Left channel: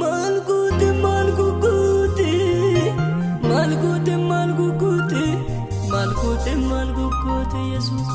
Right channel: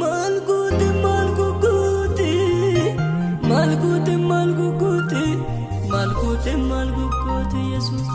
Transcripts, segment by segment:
Malguti, malguti, malguti, malguti, malguti, malguti, Jesus.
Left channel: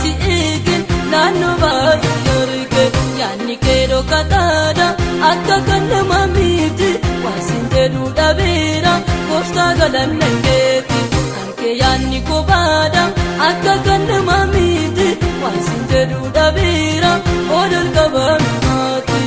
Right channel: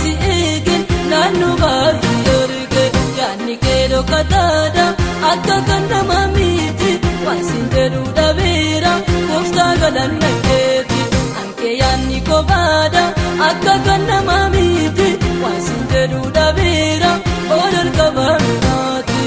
Si eegin naannoo baafii arge yaadni keeroo kataadha akka kan nama miti waan siin jedhu dhabeera gooftaa galanna keeti hankee yaadni kophaadha akka kan nama miti waan siin jedhu dhabeera ol ol qabaanaati.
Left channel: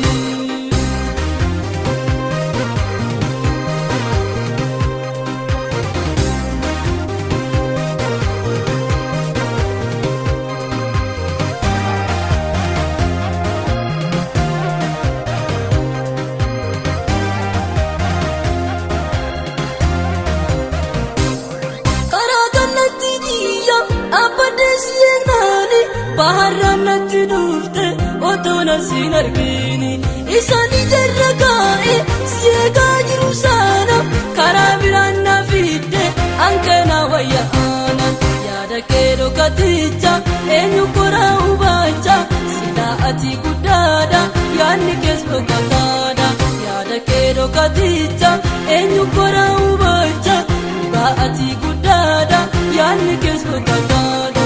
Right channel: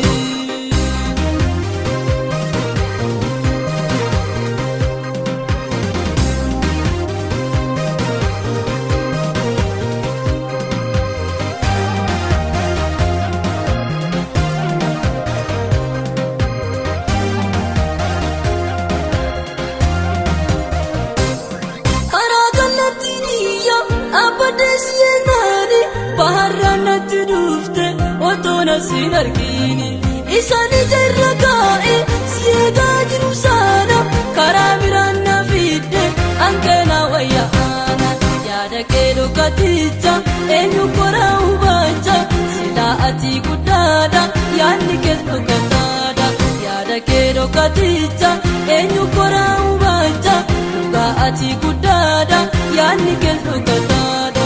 Baharranatti dhufte otoo siin argini isaan ijarra kaa'e si eegaa jiru sana karaa biraan na fidde hanqina wayyaana yaada keeroo katicha eenyu koraa hubacha silaa ati guddaadha yaadni kees dhokataadha yaada keeroo katicha eenyu koraa hubacha silaa ati guddaadha yaadni kees dhokataadha.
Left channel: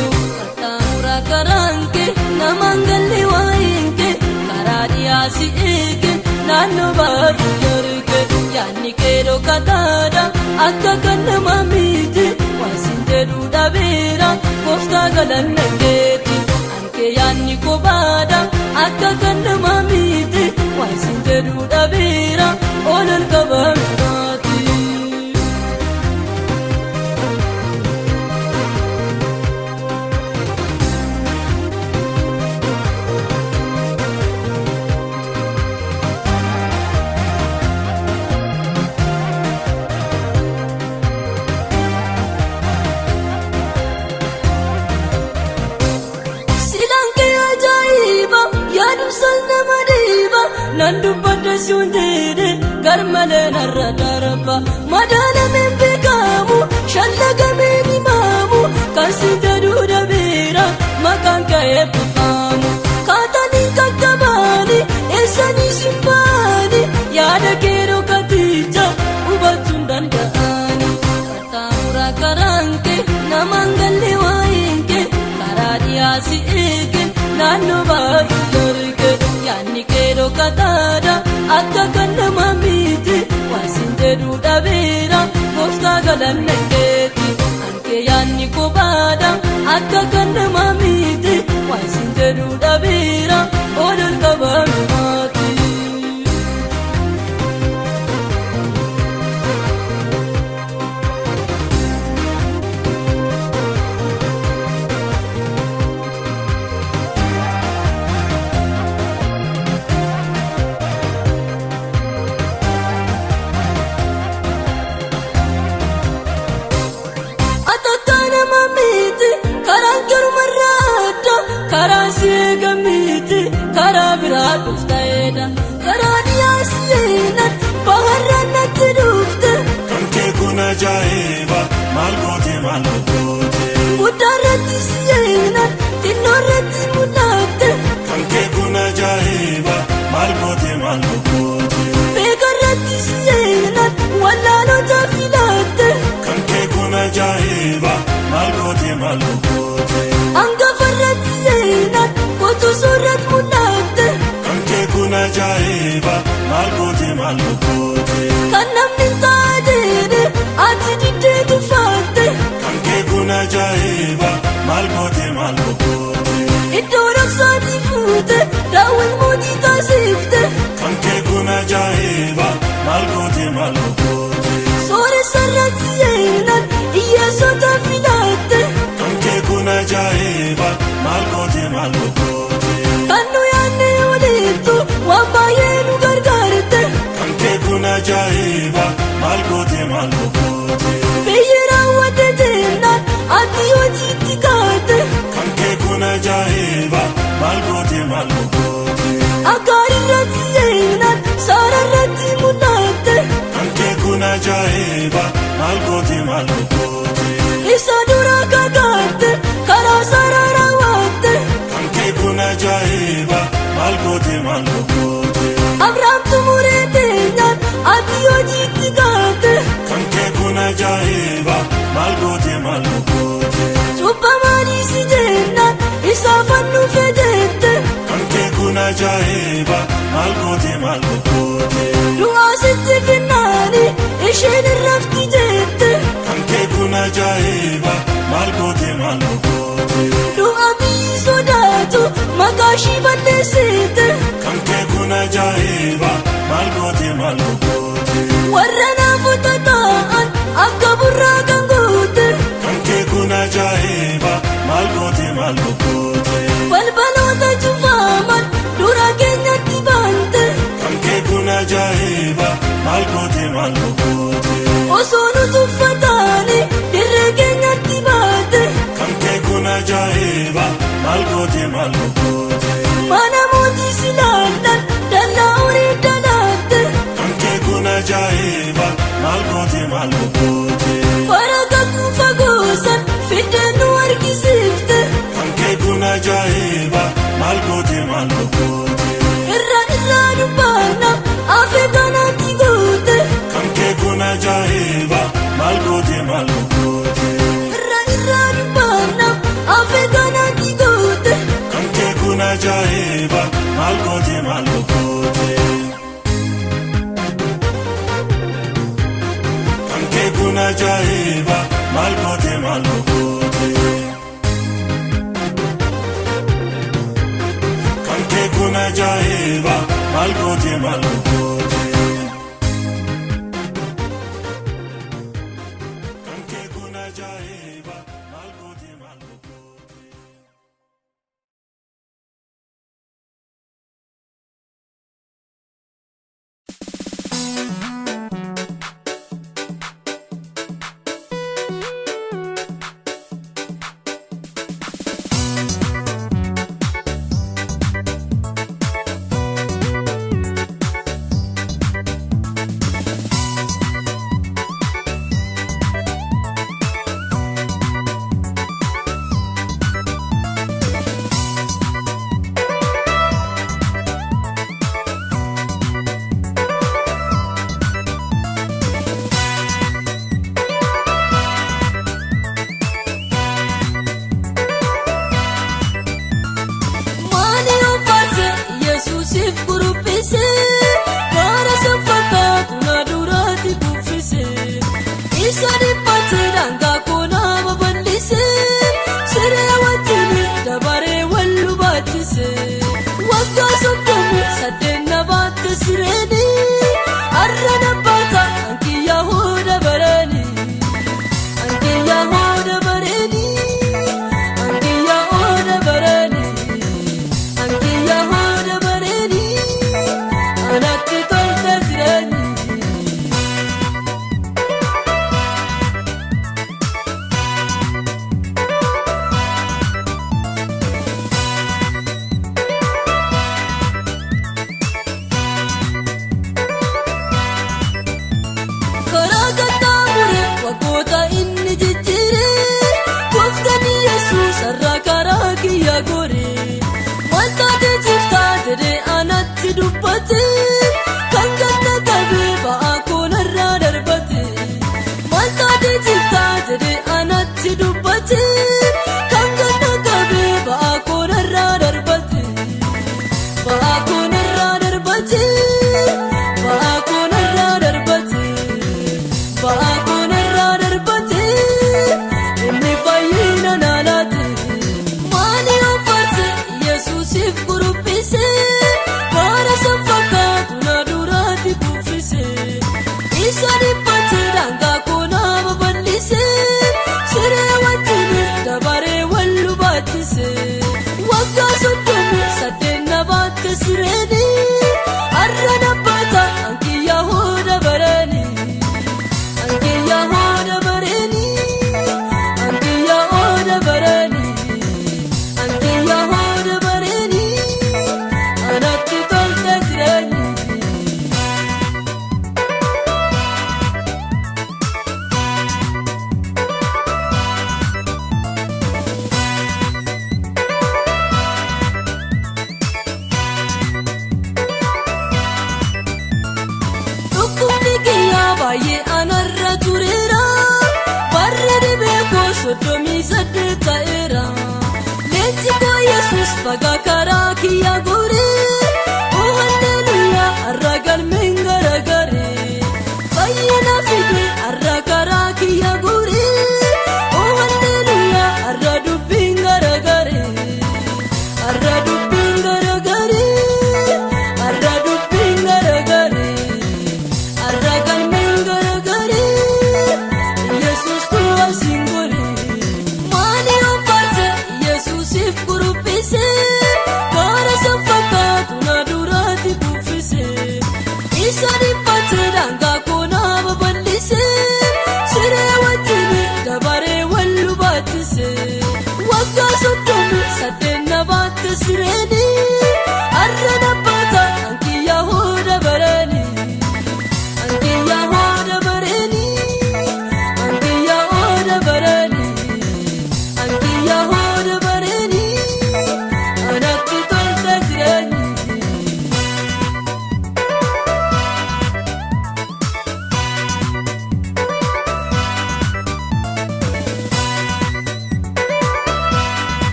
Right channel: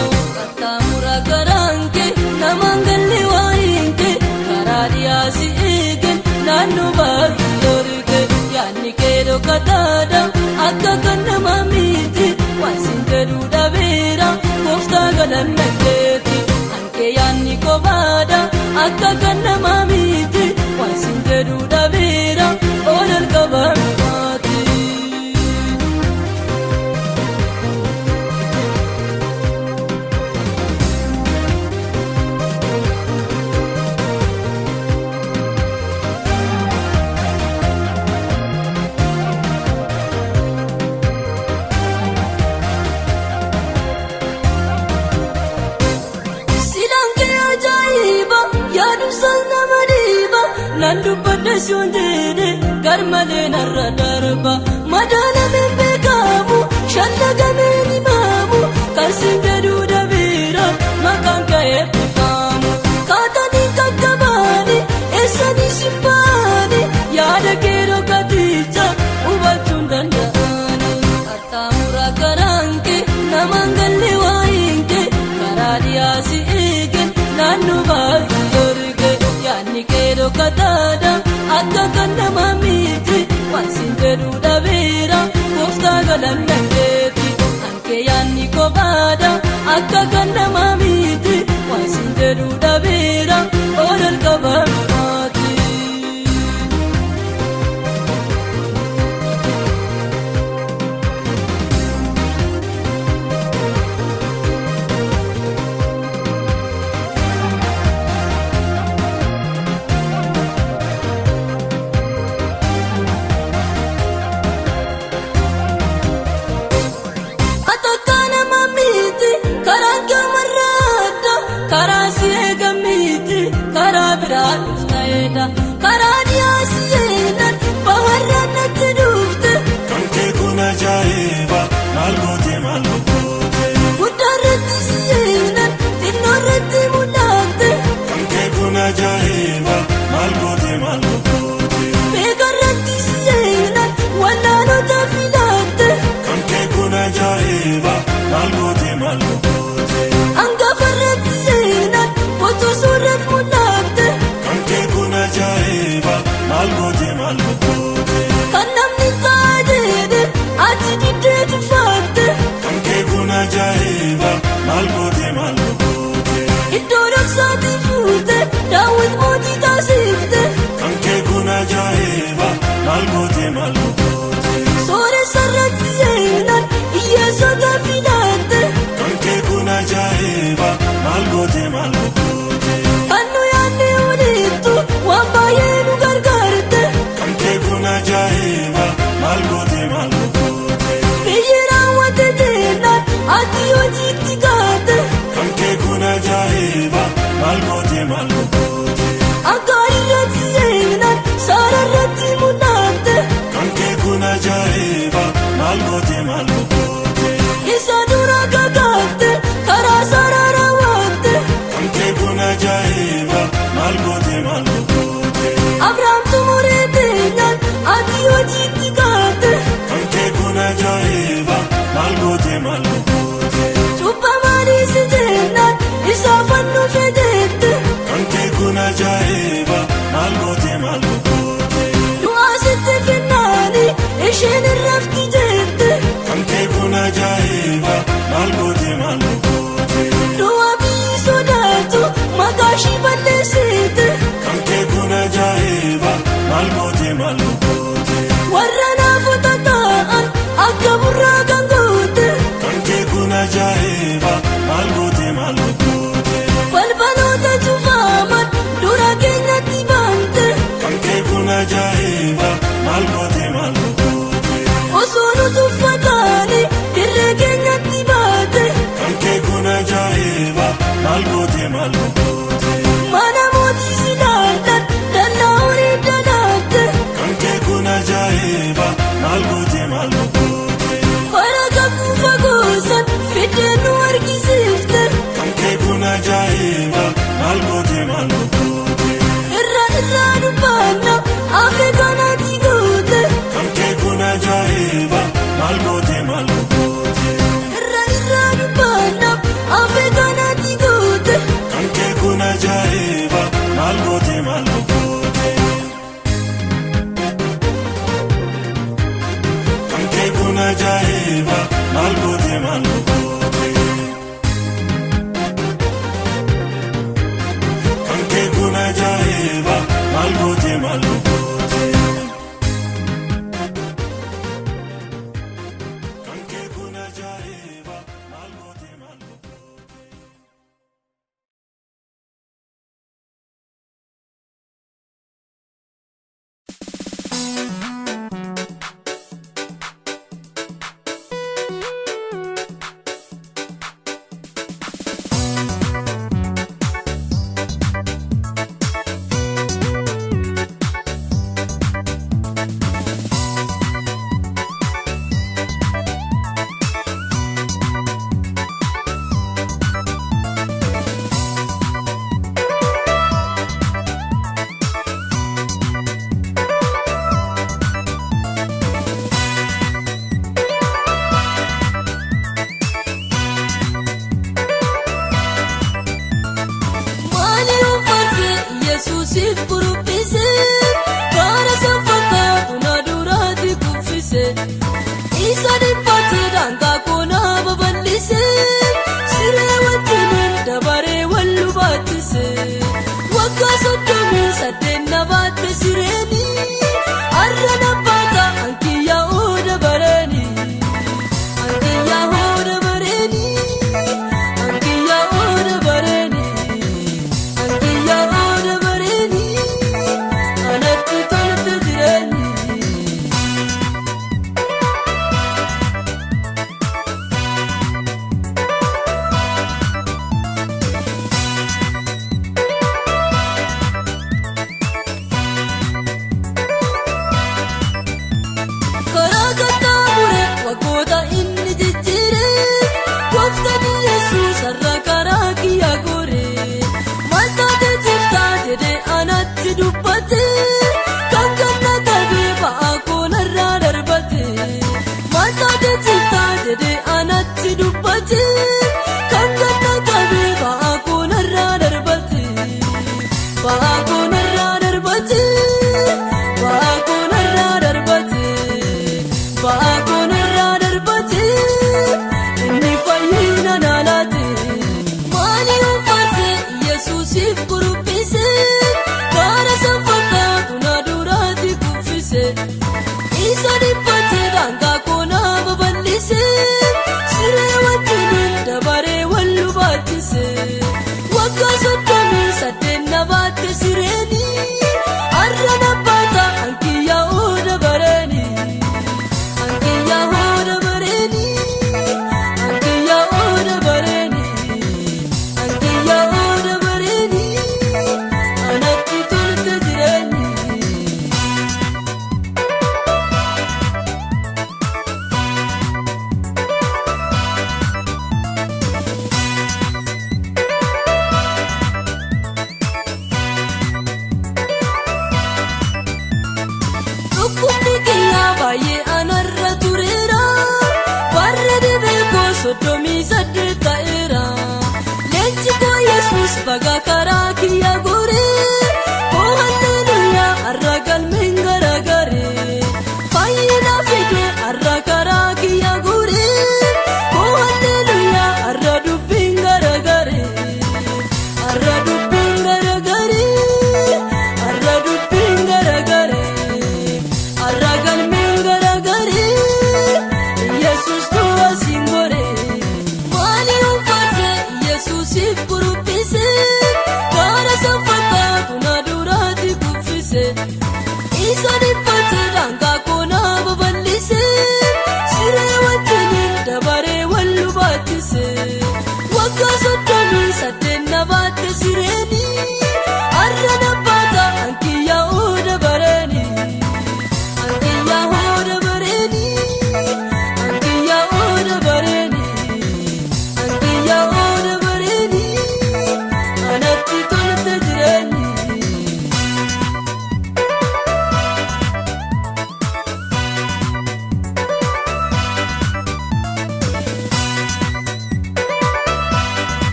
Namangalli waayinke karaa dhiyaasi eegin naannoo baafii arge yaadni keeroo kataadha akka kan nama miti waan siin jedhu dhabeera gooftaa galanna keeti hankee yaadni kophaadha akka kan nama miti waan siin jedhu dhabeera ol ol qabaanaati. Nandu pada sundede karmale narra darba madana membe kamu shallaga meni mamu karsinde duda bira makan kaya pifamu katani katabani esani simbani yada kero katija ubatundandani katamura karanke namangalle wainke karadia si egen nanu bafi yaadni keeroo kataadha akka kan nama miti waan siin jedhu dhabeera gooftaa galanna keeti hankee yaadni kophaadha akka kan nama miti waan siin jedhu dhabeera ol ol qabaanaati. Karanke goote maal goote. Soore sarratti yeelan iyyaasota filaatte. Kan kee kun ajaa'iba maal goote maal goote. Kan nu yaadne oliiftu waan baay'ee nu gargaarte. Kan kee kun ajaa'iba maal goote maal goote. Biyyi raawwatte jennaan ati hojiitti kaate. Kan kee kun ajaa'iba maal goote maal goote. Akka irratti yeelan sararratti mul'atte. Kan kee kun ajaa'iba maal goote maal goote. Ibsa dura kakaate karaa sarara waate. Kan kee kun ajaa'iba maal goote maal goote. Abrahaam tumuree teenyaan ati hojiitti kaate. Kan kee kun ajaa'iba maal goote maal goote. Cubbamaanii si jennaan isaa fannu fedhette. Kan kee kun ajaa'iba maal goote maal goote. Du'aa sitti finnaani isheen irratti jette. Kan kee kun ajaa'iba maal goote maal goote. Du'aa biyyi sodaatu maqaa ishii balleessite. Kan kee kun ajaa'iba maal goote maal goote. Warra naafota ta'an akka burraa kan goote. Kan kee kun ajaa'iba maal goote maal goote. Balbaloota cufaman dura keenyatti baante. Kan kee kun ajaa'iba maal goote maal goote. Osoo nu tuffataani dirree keenyatti baate. Kan kee kun ajaa'iba maal goote maal goote. Mana mootii si laallan danda'u hin dalaate. Kan kee kun ajaa'iba maal goote maal goote. Bara fagoosan fidee nu argisiifte. Kan kee kun ajaa'iba maal goote maal goote. Irraa nu baana afee doonatti goote. Kan kee kun ajaa'iba maal goote maal goote. Irraa nu baana afee doonatti goote. Kan kee kun ajaa'iba maal goote maal goote. Kan kee kun ajaa'iba maal goote maal goote. Kan kee kun ajaa'iba maal goote maal goote. Kan kee kun ajaa'iba maal goote maal goote.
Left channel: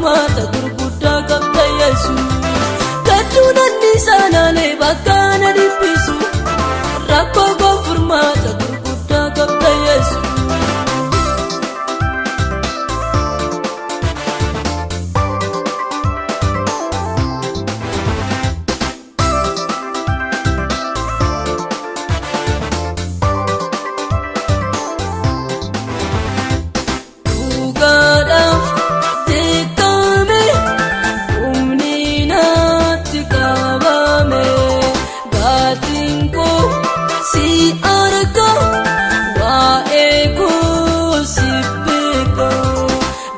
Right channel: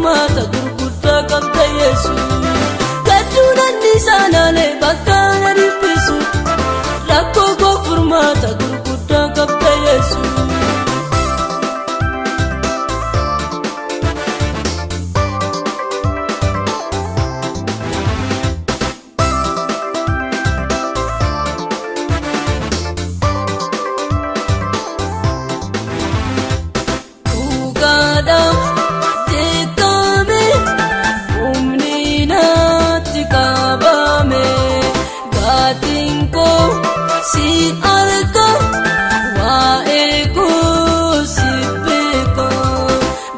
furmaata gurguddaa qabda Yesuus. Gadduun anniisaanaalee bakka na dhiphisu rakkoo koo furmaata gurguddaa qabda Yesuus.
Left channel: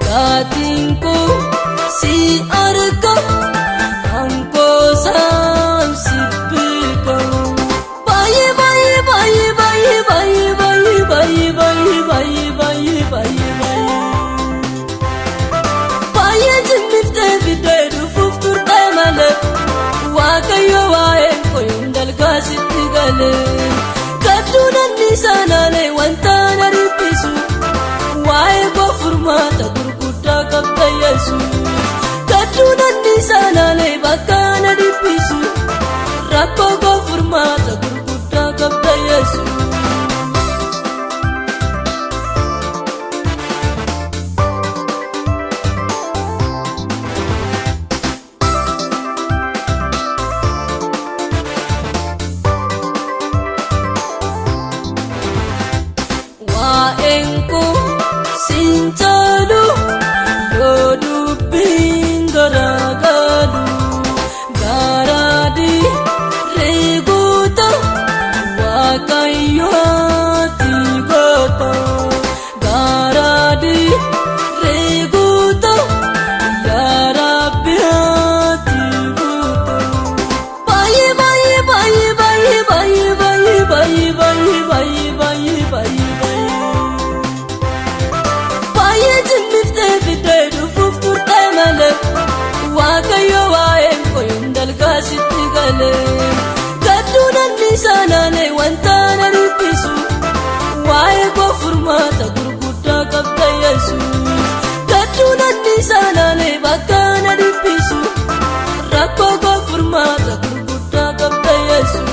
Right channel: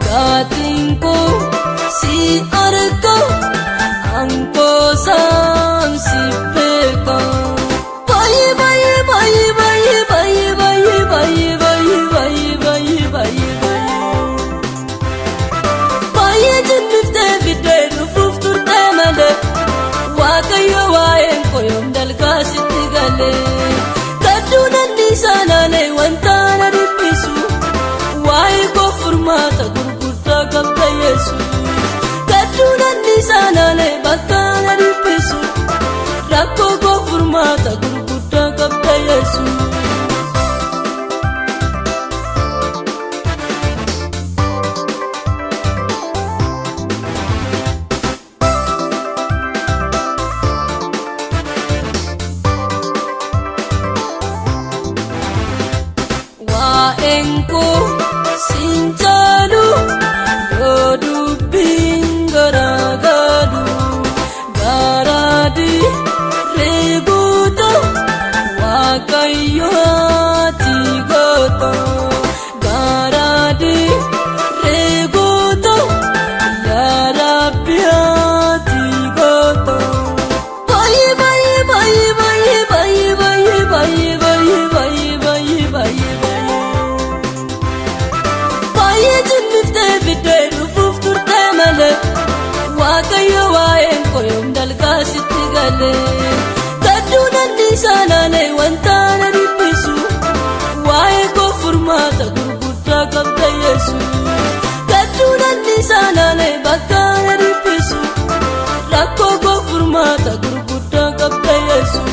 Gatinko si arko anko sam si peko bye bye bye bye bye bye bye bye bye bye bye jennifte biddeedu fuftur temale waaqayyo waa'een koyoom dalgaa sitti galee gadduun anniisaanaalee wanta na dhiphisu waa'ee koo furmaata gurguddaa qabda Yesuus. Gadduun anniisaanaalee bakka na dhiphisu rakkoo koo furmaata gurguddaa qabda Yesuus. Waa'een koo sinjaalu yoo dubbiin garaagaru garaadhi reeguuta waaqayyooti goota garaadhi reeguuta yaa Rabbi haati goota baay'ee baay'ee baay'ee baay'ee baay'ee baay'ee baay'ee baay'ee baay'ee baay'ee waaqayyo waa'een koyoom dalgaa sitti galee gadduun anniisaanaalee wanta na dhiphisu waa'ee koo furmaata gurguddaa qabda Yesuus. Gadduun anniisaanaalee bakka na dhiphisu rakkoo koo furmaata gurguddaa qabda Yesuus.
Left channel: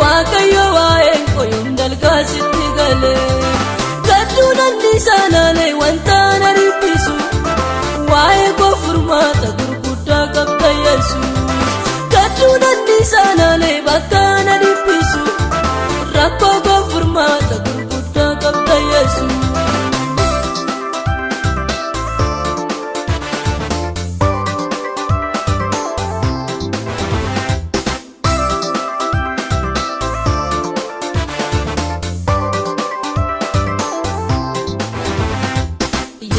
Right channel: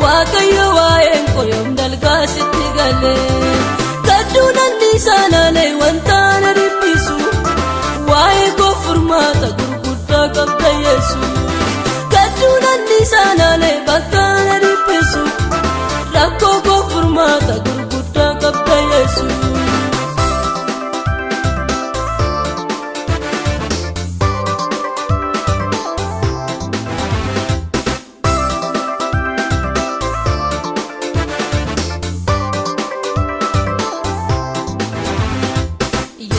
Waaqayyo waa'een koyoom dalgaa sitti galee gadduun anniisaanaalee wanta na dhiphisu waa'ee koo furmaata gurguddaa qabda Yesuus. Gadduun anniisaanaalee bakka na dhiphisu rakkoo koo furmaata gurguddaa qabda Yesuus.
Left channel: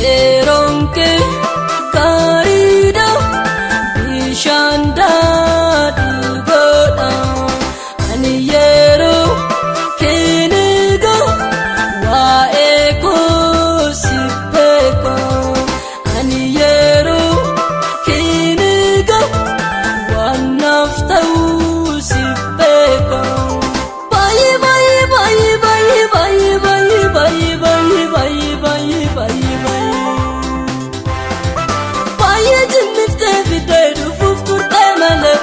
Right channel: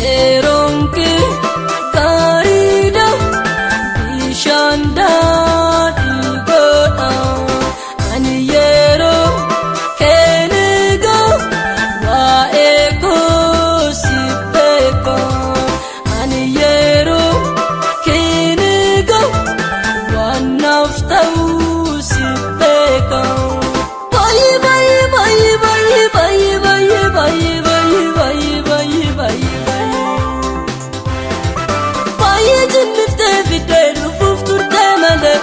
Yeroon kee gaariidha bishaan daadhii godha ani yeroo keeniga waa'ee koo si beeka ani yeroo keeniga waan naaf ta'uu si beeka baay'ee baay'ee baay'ee baay'ee baay'ee baay'ee baay'ee baay'ee baay'ee baay'ee baay'ee jennifte biddeedu fufturte malee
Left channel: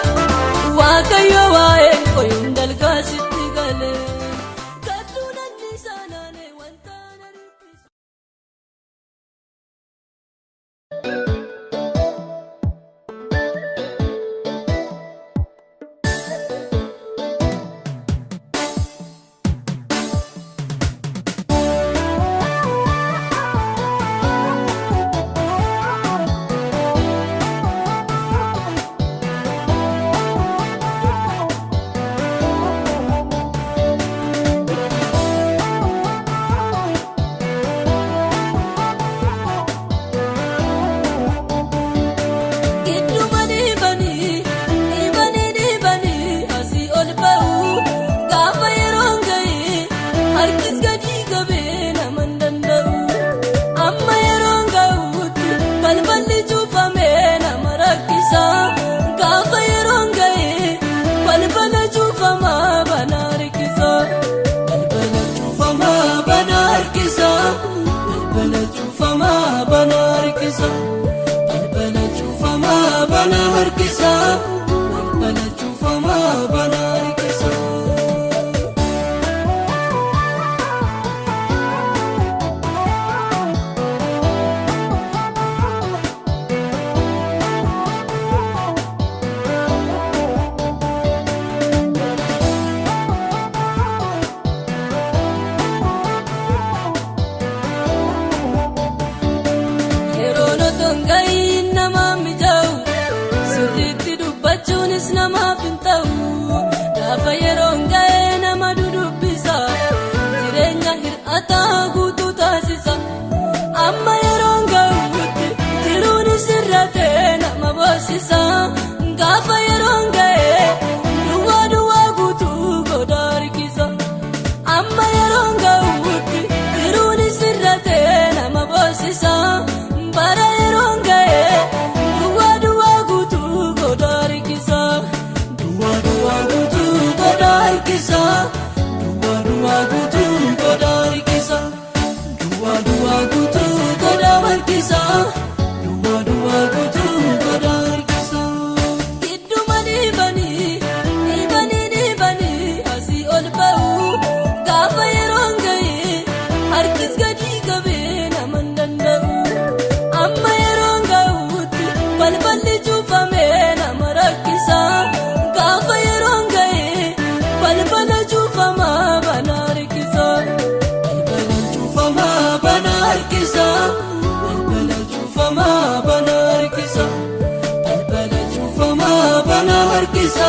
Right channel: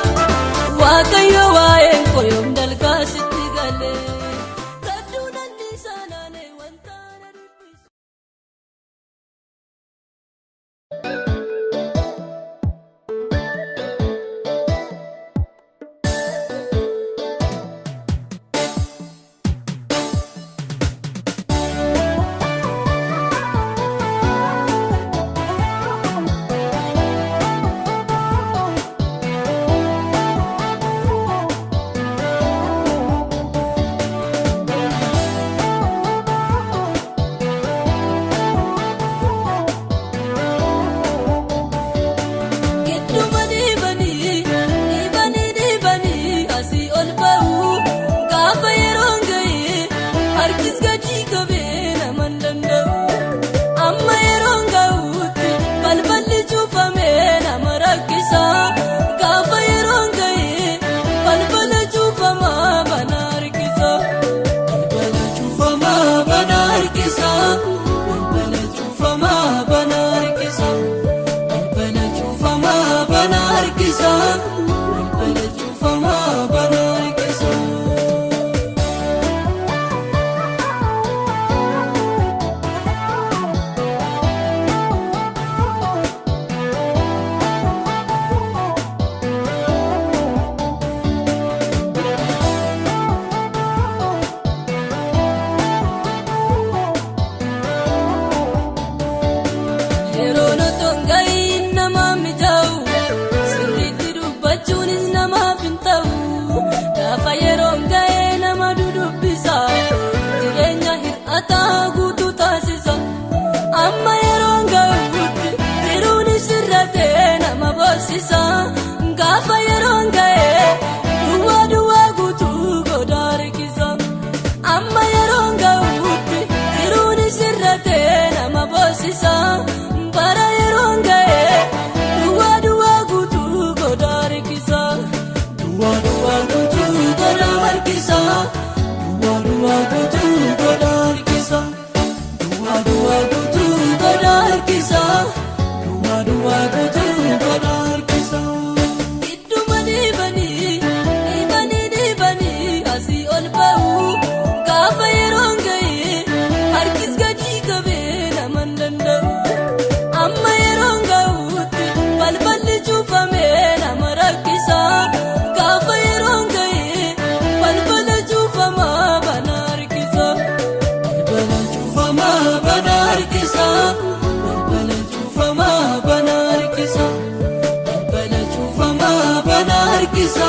harkisa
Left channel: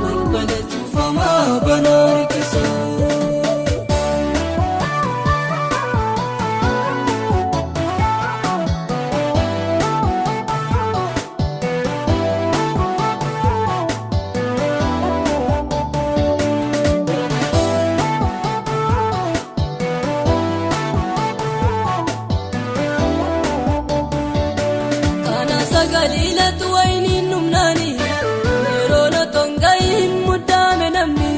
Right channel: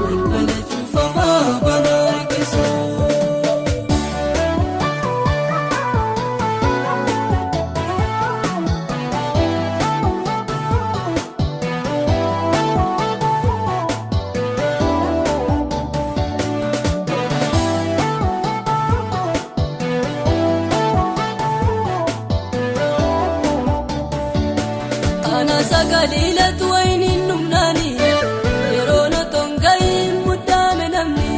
balbala cufamaa bana harkisa. Ana sagaliilatu wayiniin numnaani yeroo noton ga'iin muddaame namni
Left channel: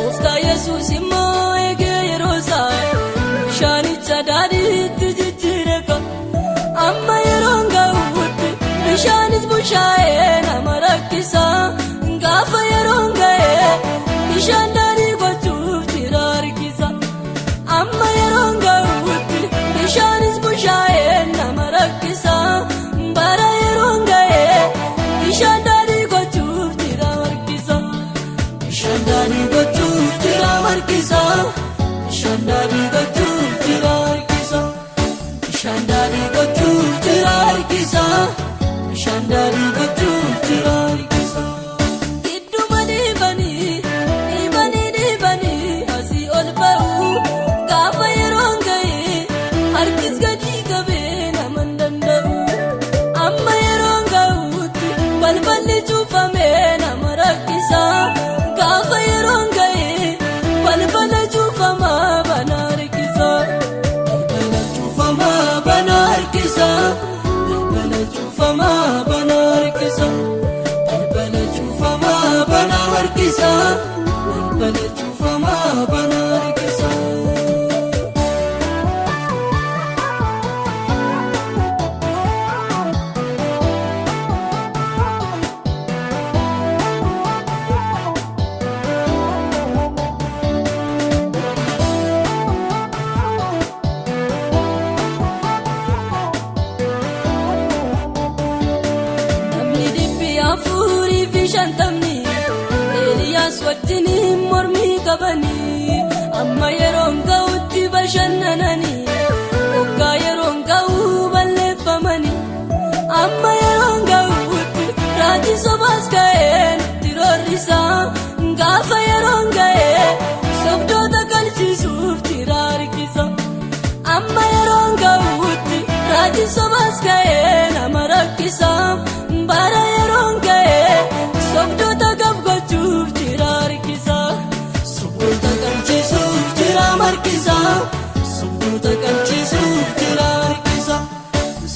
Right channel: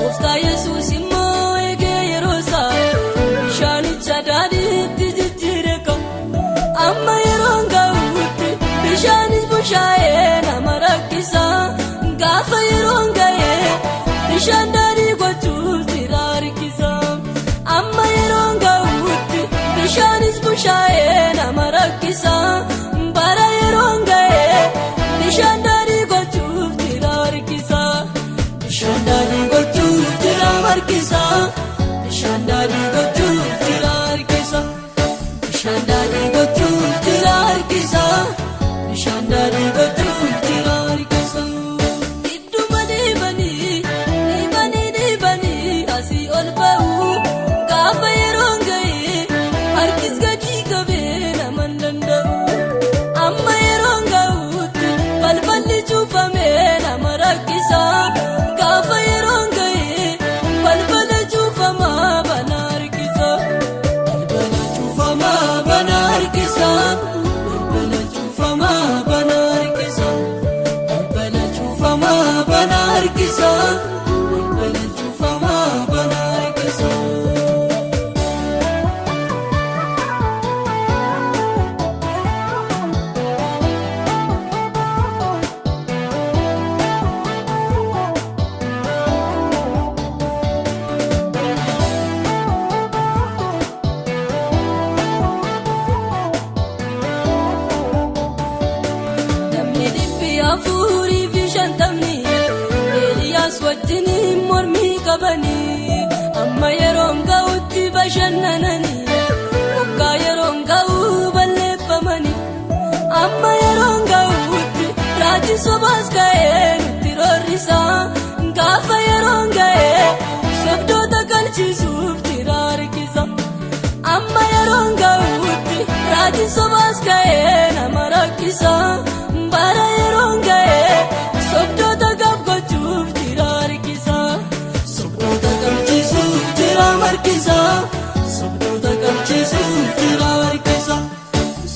gooftaa Yesuus immoo eegee yeroo isaa bishaanicha daadhiitti jijjiire qabu amma yeroon ga'uutti bishaanis bushaayee nama rakkisa gaafa yeroon ga'ee bishaan daadhii gochuuf jira harkisa amma yeroon ga'uutti bishaanis bushaayee nama rakkisa. Bishaandari gochuuf jira harkisa. Bishaandari gochuuf jira harkisa. Bishaandari gochuuf jira harkisa. Bishaandari gochuuf jira harkisa. Bishaandari gochuuf jira harkisa. Idduma dhiibanii asii ol ba'u gaafa yeroon ga'e harkis gadi qabee nama danda'u amma yeroon ga'uutti balballi cuufamee nama rakkisa gaafa yeroon ga'e balbala cuufamaa bana harkisa balbala cuufamaa bana harkisa balbala cuufamaa bana harkisa balbala cuufamaa bana harkisa balbala cuufamaa bana harkisa. Namni dhibbi afurii fi shantamni Eeliyaas wajjiniin mormii qabanii amma yeroon ga'utti bashannananii waggaa yeroon ga'uu balleeffamanii amma yeroon ga'utti raajii sobaas ga'ee nutti roorrisa gaafa yeroon ga'ee sobdoota galchisuuf jira harkisa amma yeroon ga'utti raajii sobaas ga'ee nama rakkisa. Bara yeroon ga'ee sobdoota gammachuuf jira harkisa. Sobdoota galchisuuf jira harkisa. Sobdoota galchisuuf jira harkisa.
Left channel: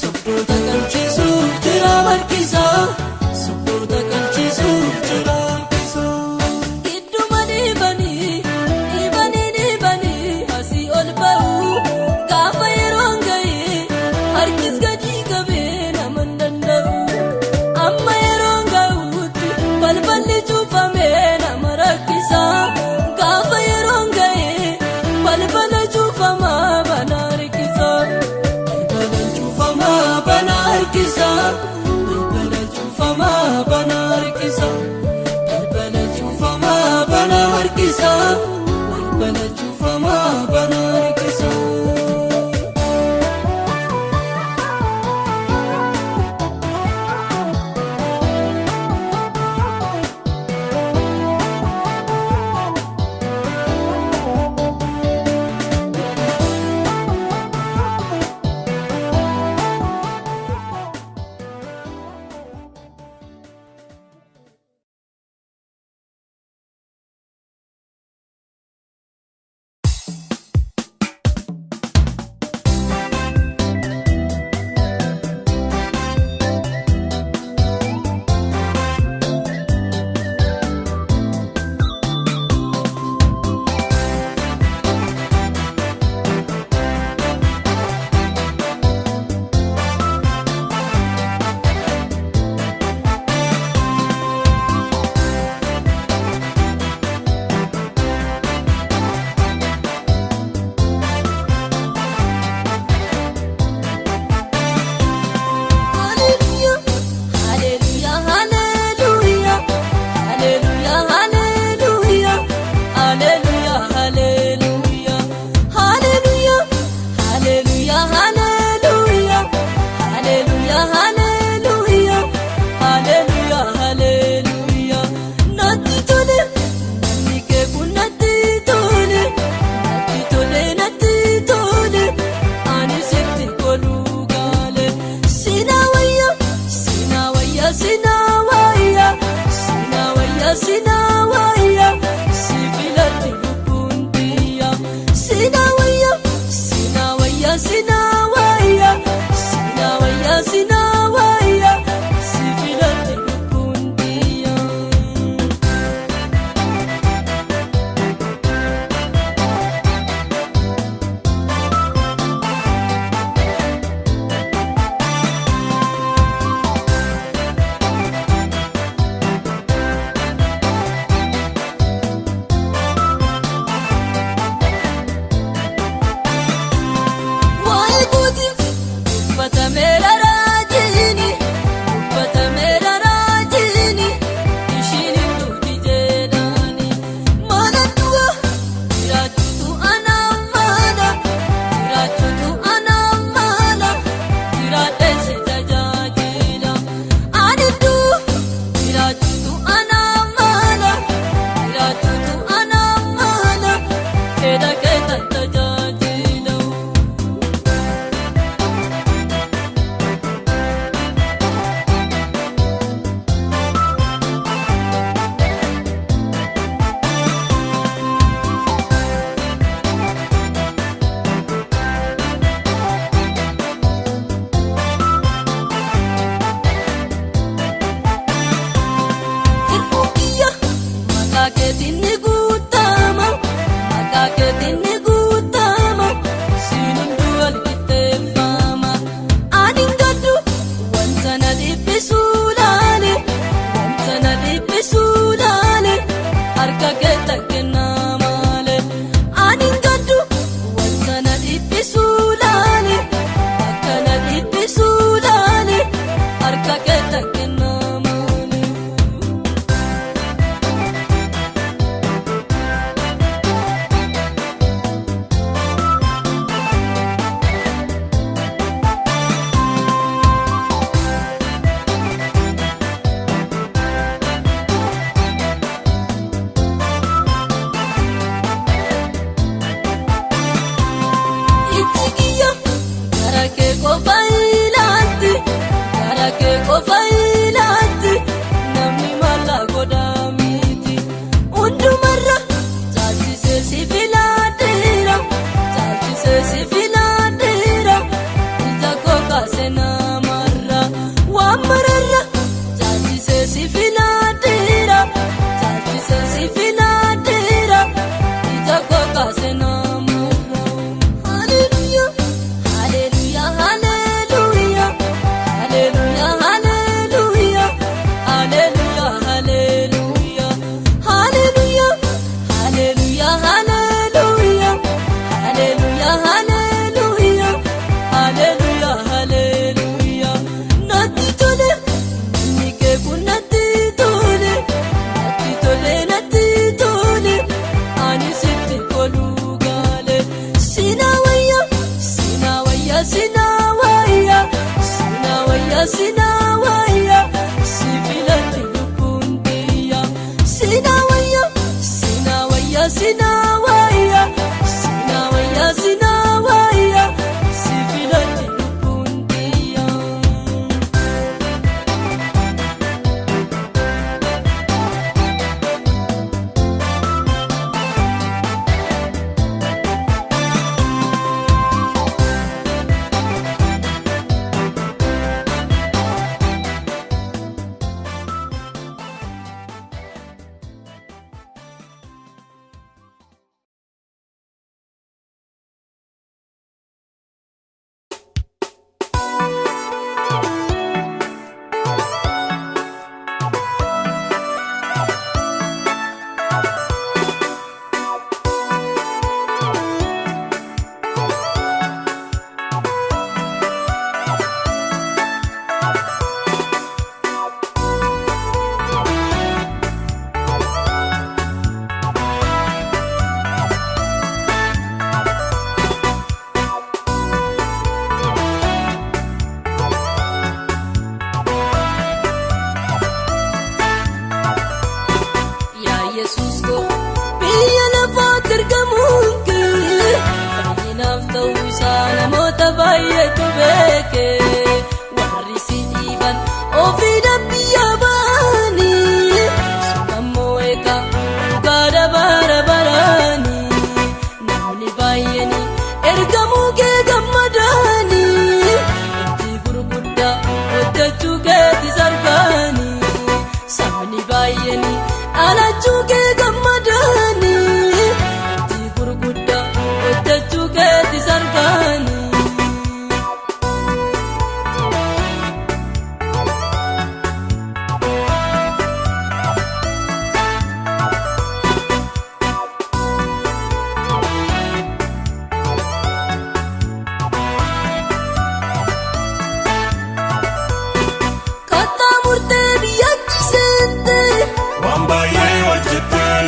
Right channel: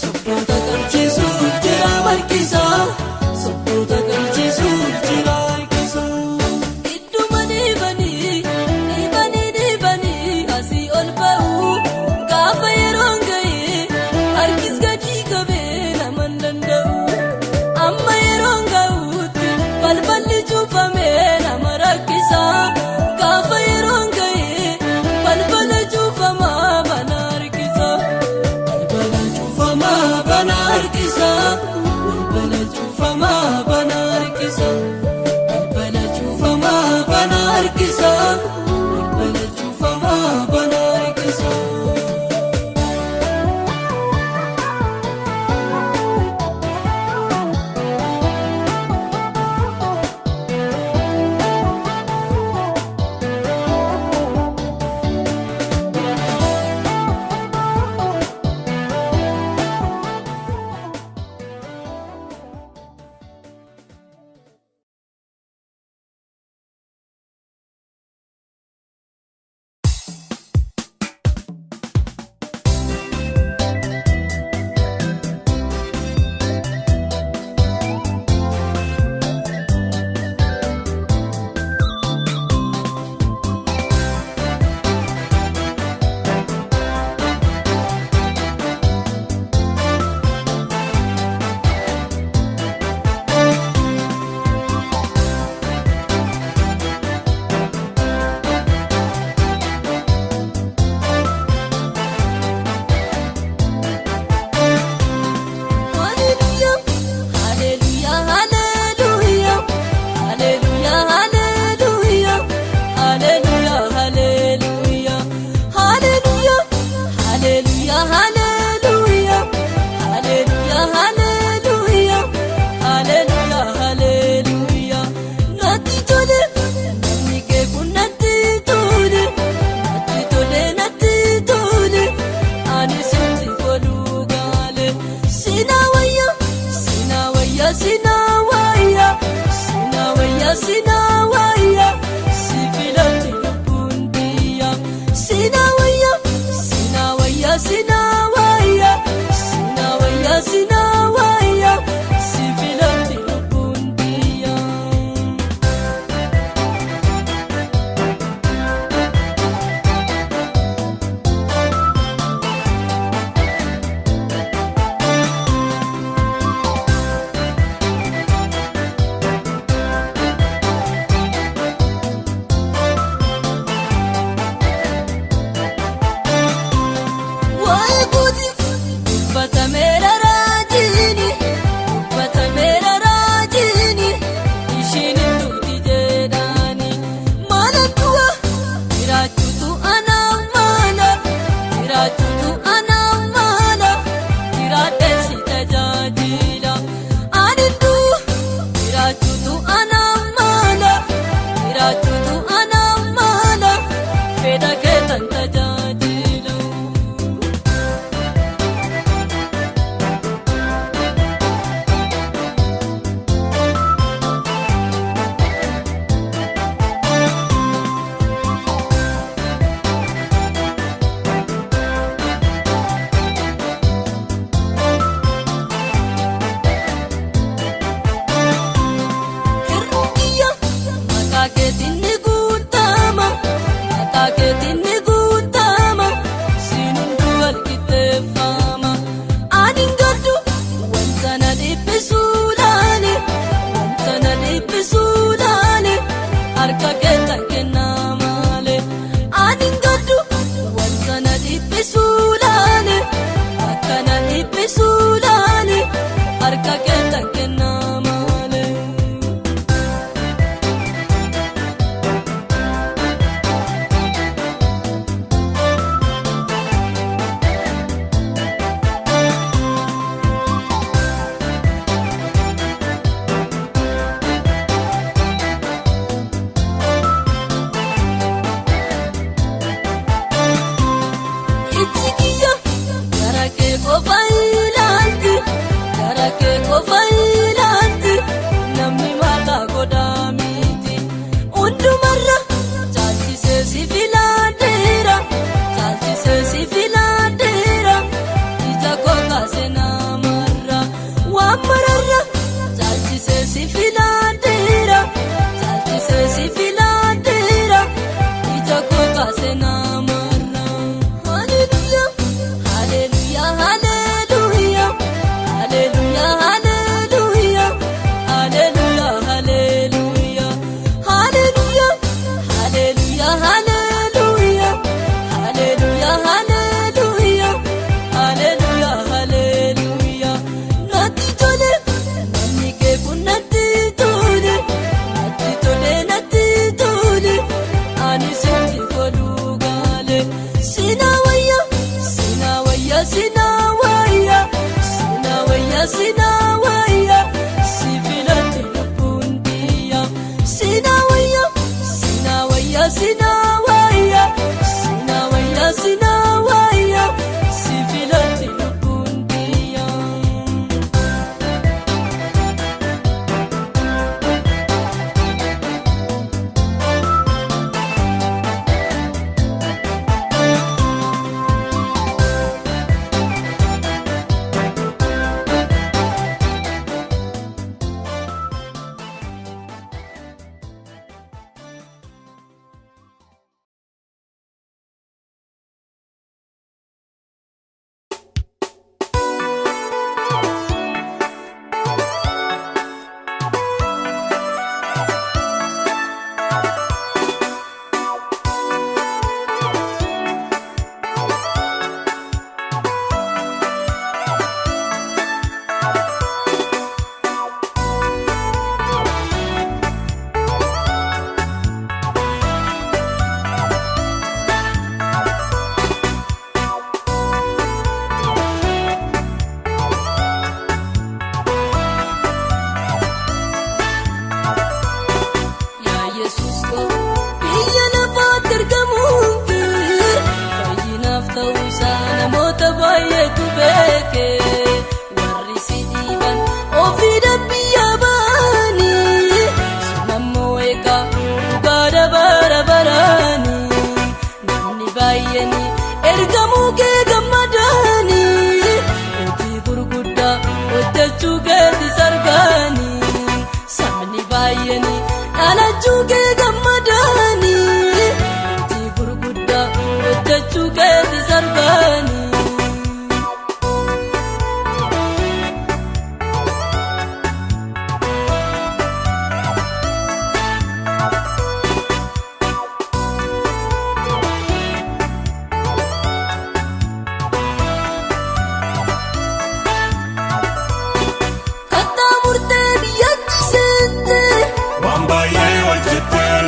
Sobdoota galchisuuf jira harkisa. Sobdoota galchisuuf.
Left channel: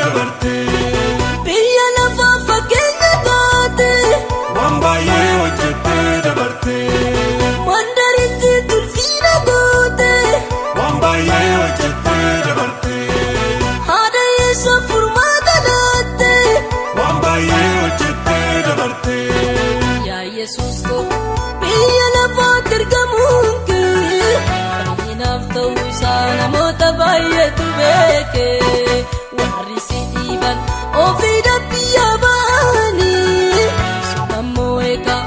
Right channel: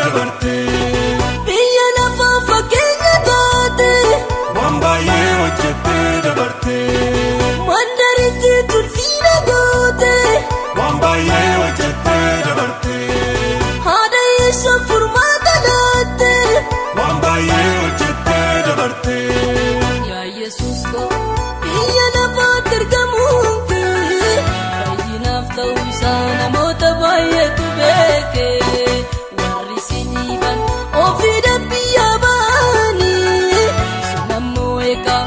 dabarte. Biyya lafaa fakkeenya taate. Waan baay'ee hojjette dabarte. Mandariitti tulfiina goote. Waan baay'ee hojjette dabarte. Haadha Yesuus furmaata laatte. Waan baay'ee hojjette dabarte. Yaa Yesuus koo biyya lafaatti ergamuun kee fayyinaaf ta'uu isaa namoota baay'eetu beeke. Warri si dhiiban ofii biyyaa ba'anii sunammoo eegaa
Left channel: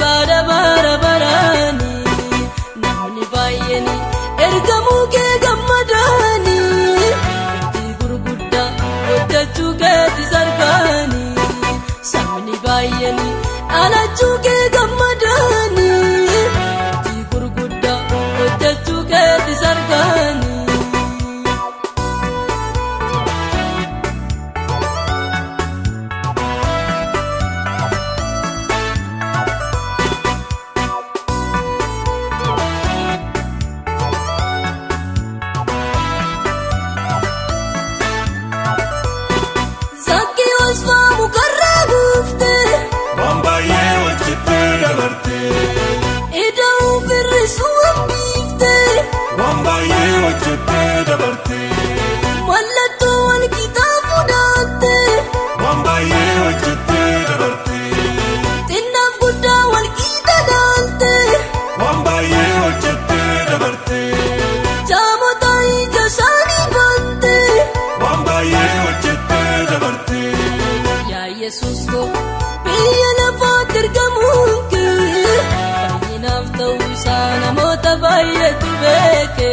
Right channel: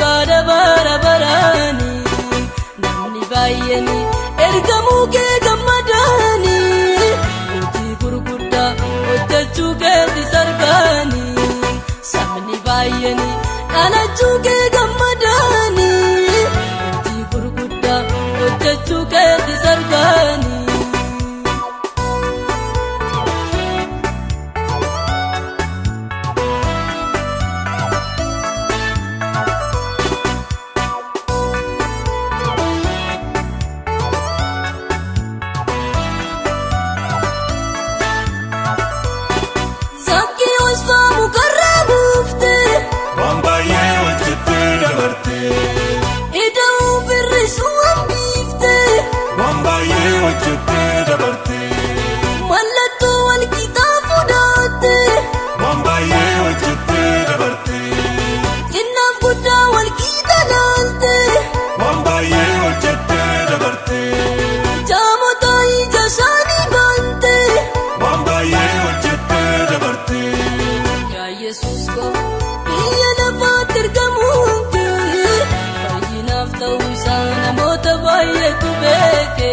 gaara bara baraanii namni baay'een ergamuu kee gammadaanii hojii gurguddaa hojjechuu keetti sarbaanii sabni baay'een dhalachuu kee gammadaanii hojii gurguddaa hojjechuu keetti sarbaanii. Zakkeewwan faamu karraa buufte. Waan baay'ee hojjette dabarte. Ida'uu birrisuu hambiifte. Waan baay'ee hojjette dabarte. Mallattoo wal qixaa fudhaatte. Waan baay'ee hojjette dabarte. Xinnaaf guddaa wal qixa laalte. Waan baay'ee hojjette dabarte. Jaamota ija isaanii bante. Waan baay'ee hojjette dabarte. Yaa Yesuus koo biyya lafaatti ergamuun kee fayyinaaf ta'uu isaa namoota baay'eetu beeke.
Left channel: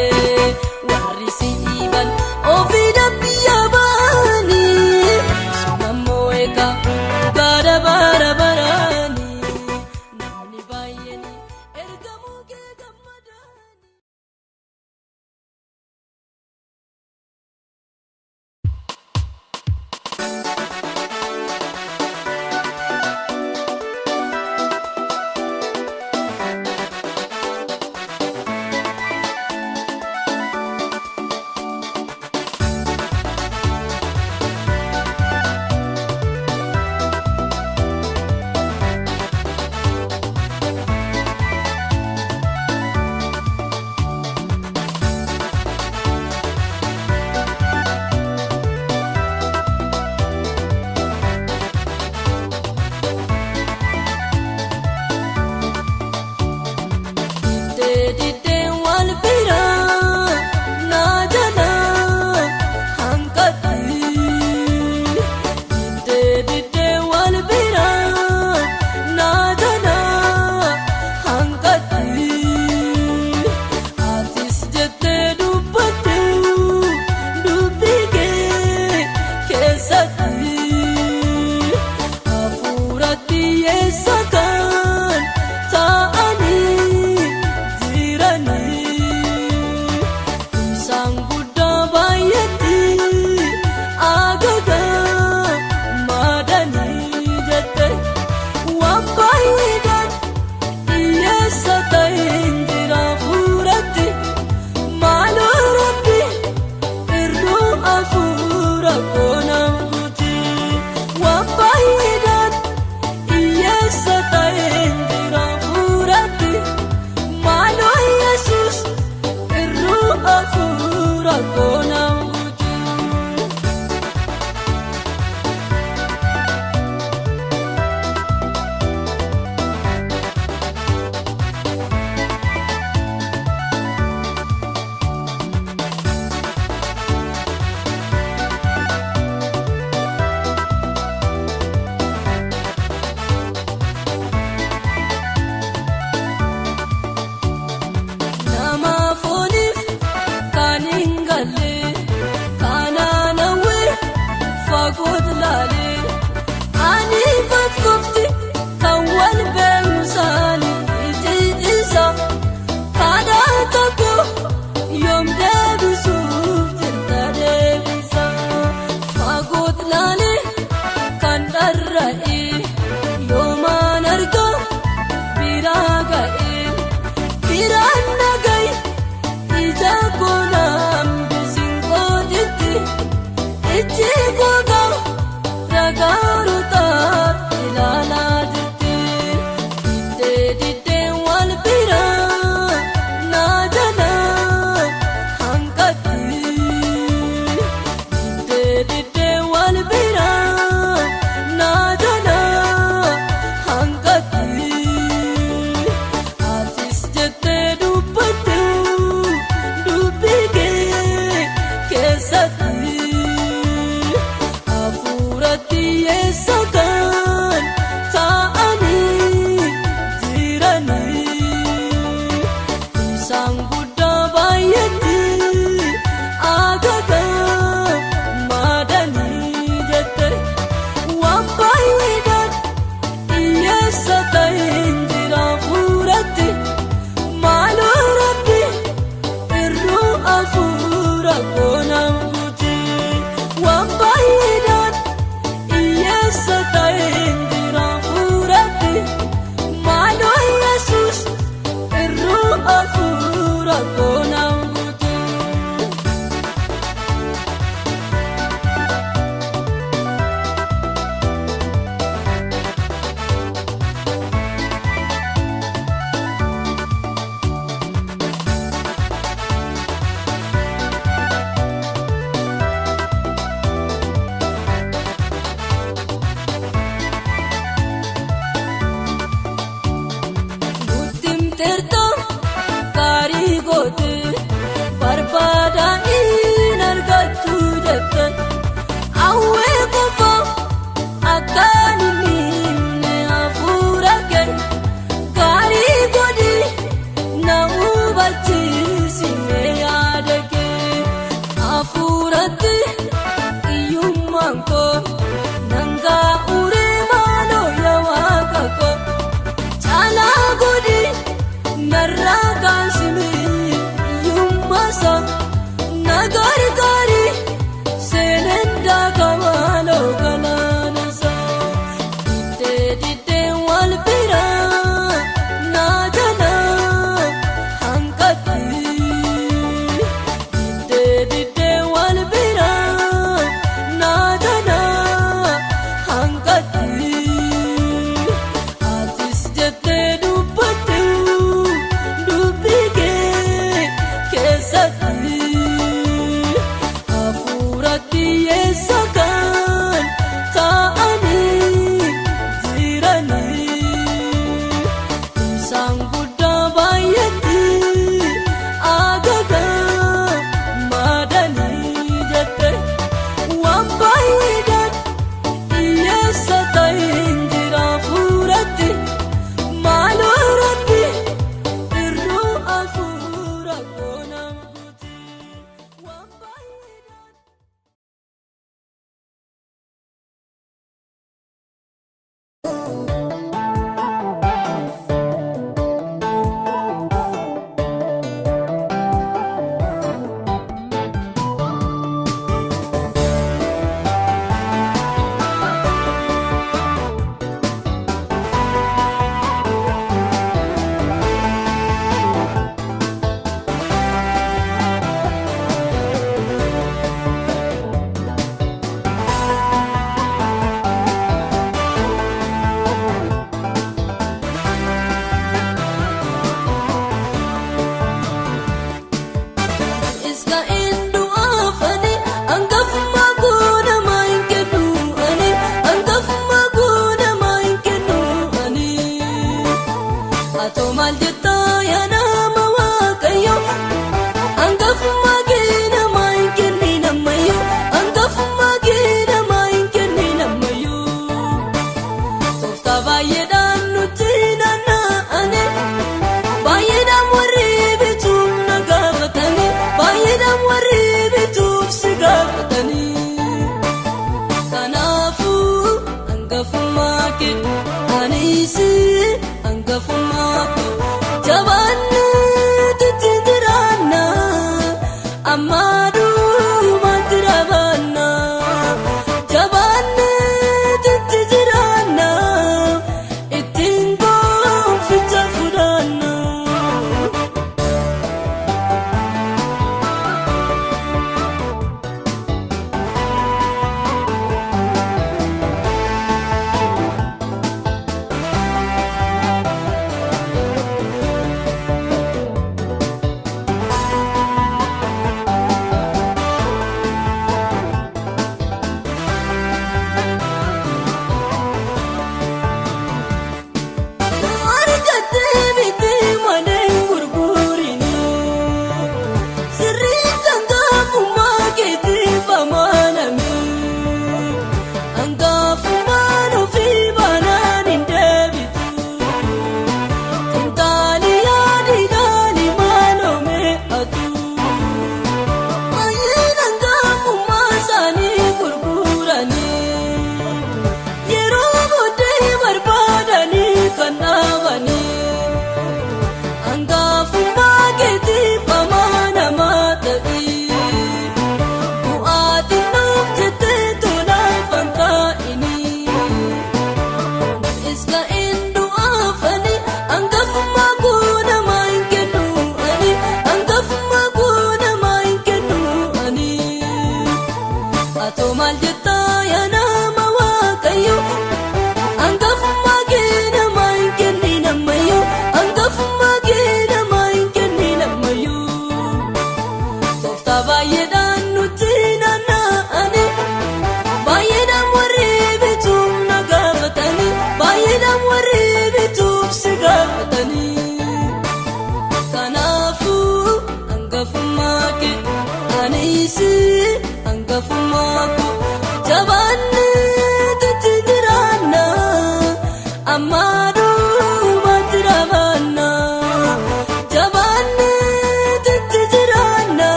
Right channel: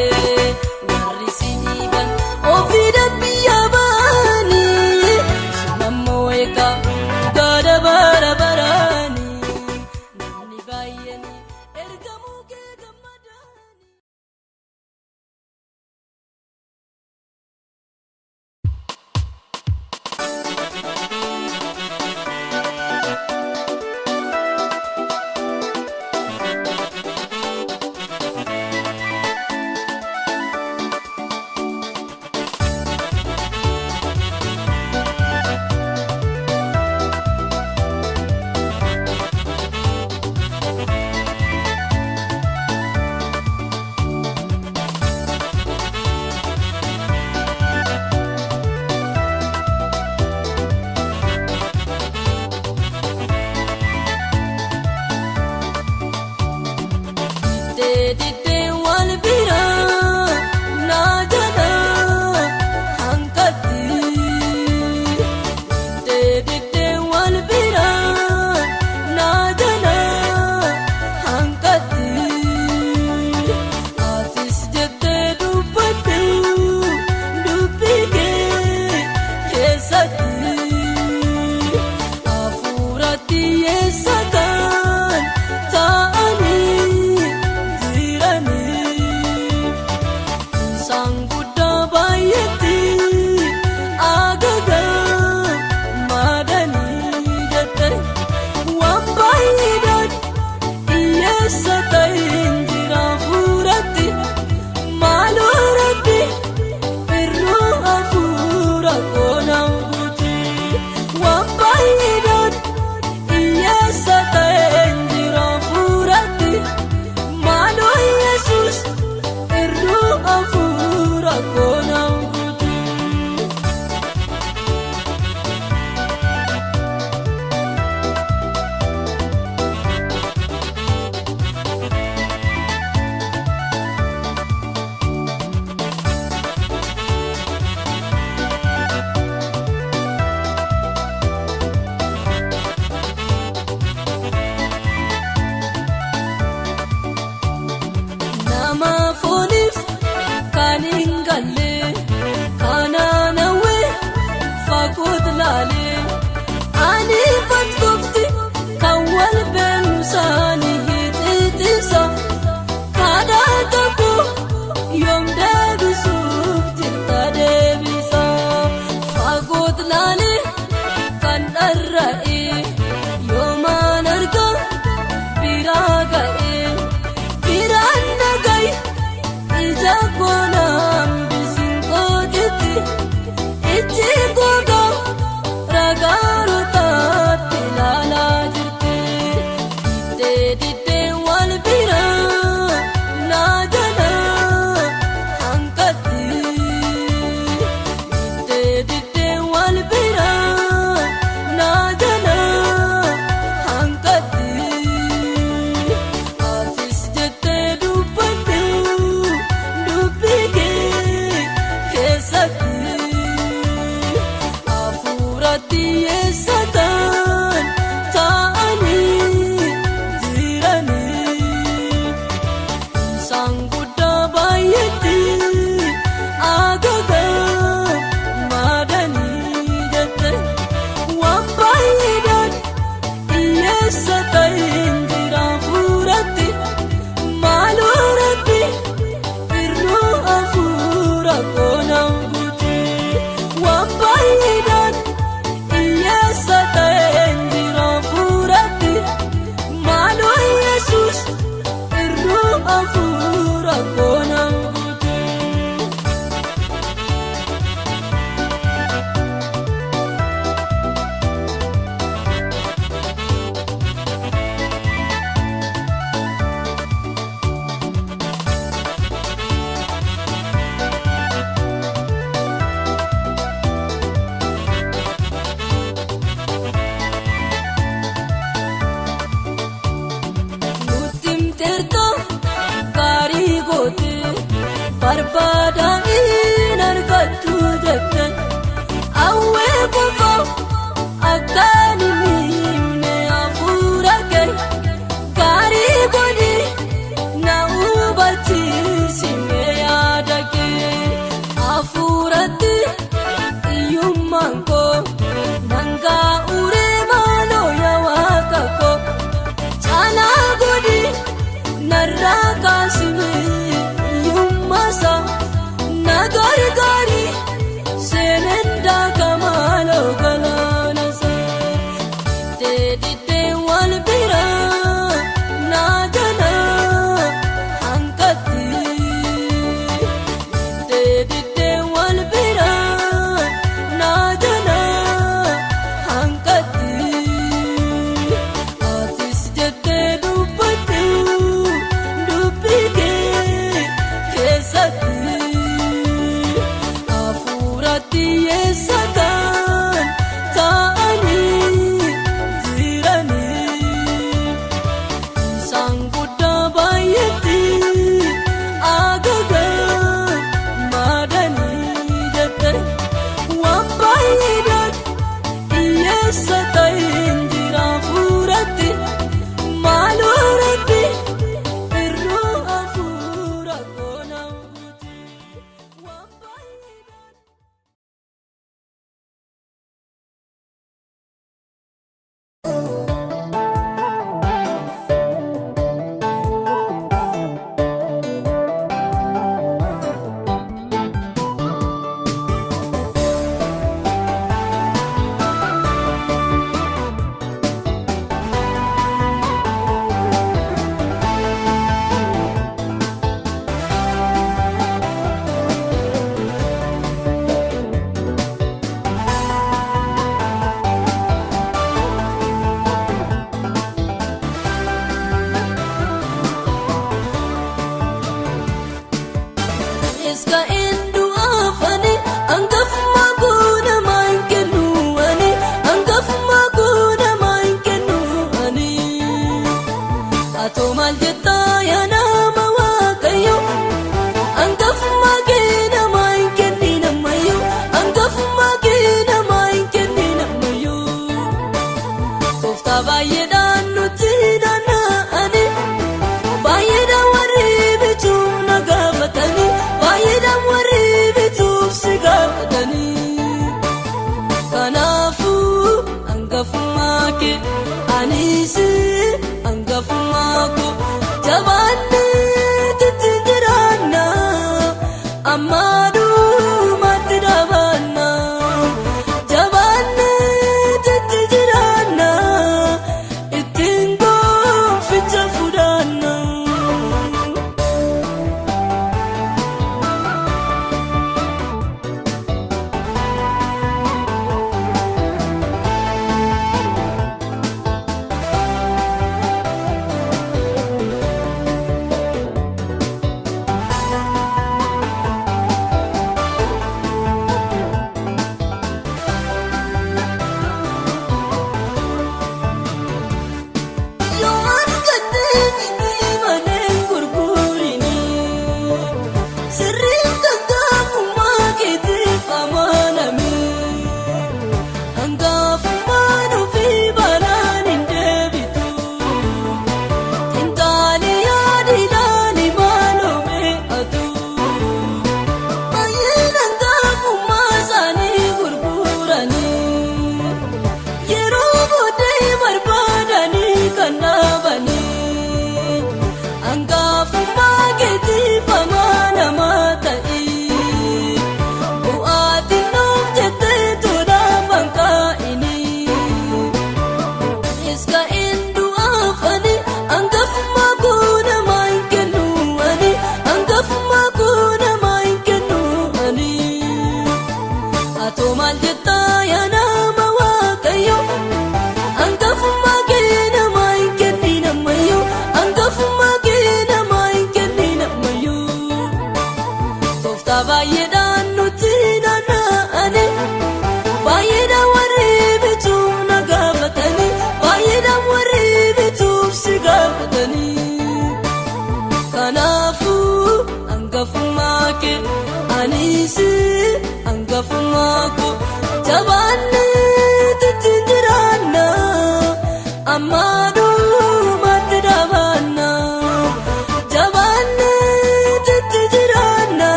Warri si dhiiban ofii biyyaa ba'anii sunammoo eegaa gaara bara baraanii namni baay'een ergamuu kee gammadaanii. Diddee wal biraa naa jalaa hanqatti. Diddee wal biraa naa jalaa hanqatti. Atis jettee dubbatte dubbii kee keessatti. Hafuuratti yeessa kan taa'anii jiranii. Isaan guddaa baay'eetti agagaa maadanii jette. Waan baay'eedhaan hiyyeessa ta'een jira hafuuratti. Maaloo Rabbi irroo hafuura koonaan guuti. Waan baay'eedhaan hiyyeessa ta'een jira hafuuratti. Maaloo Yesuus irroo hafuura koonaan guuti. Nama fooniif kan hin galle kanaan hawwee fagootu laalee ani fakkoofti kan wal beekumsaanii xixiisa kadhaa tokko yoom deebisuuf jirta deebisa. Fagootu laalee kan dharra'ee yoomaan argaa biraa ga'ee biraan nagay ija goonaan bisin koonaan guute waan baay'inaan hiyyeessa ta'etti raafuu rabbi maaloo Yesuus irruu hafuura koonaan guute.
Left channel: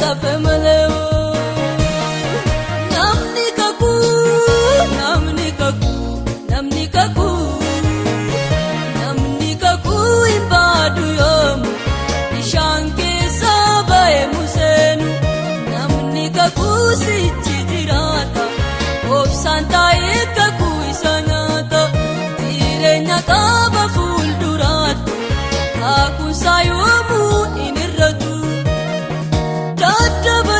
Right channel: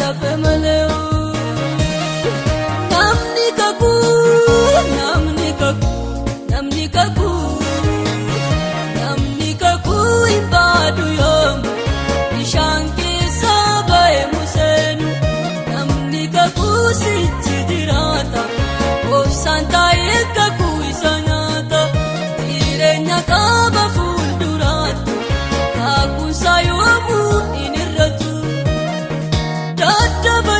tafe malee. Namni kakuu ibaadu yoomu bishaan keessa baay'ee buuseenu. Namni kakuu sitti jiraata obsaan taa'ee kakuu isa nyaata. Jireenya qaba fuulduraatti kakuusaa yoomuu hin irratu. Dadhaba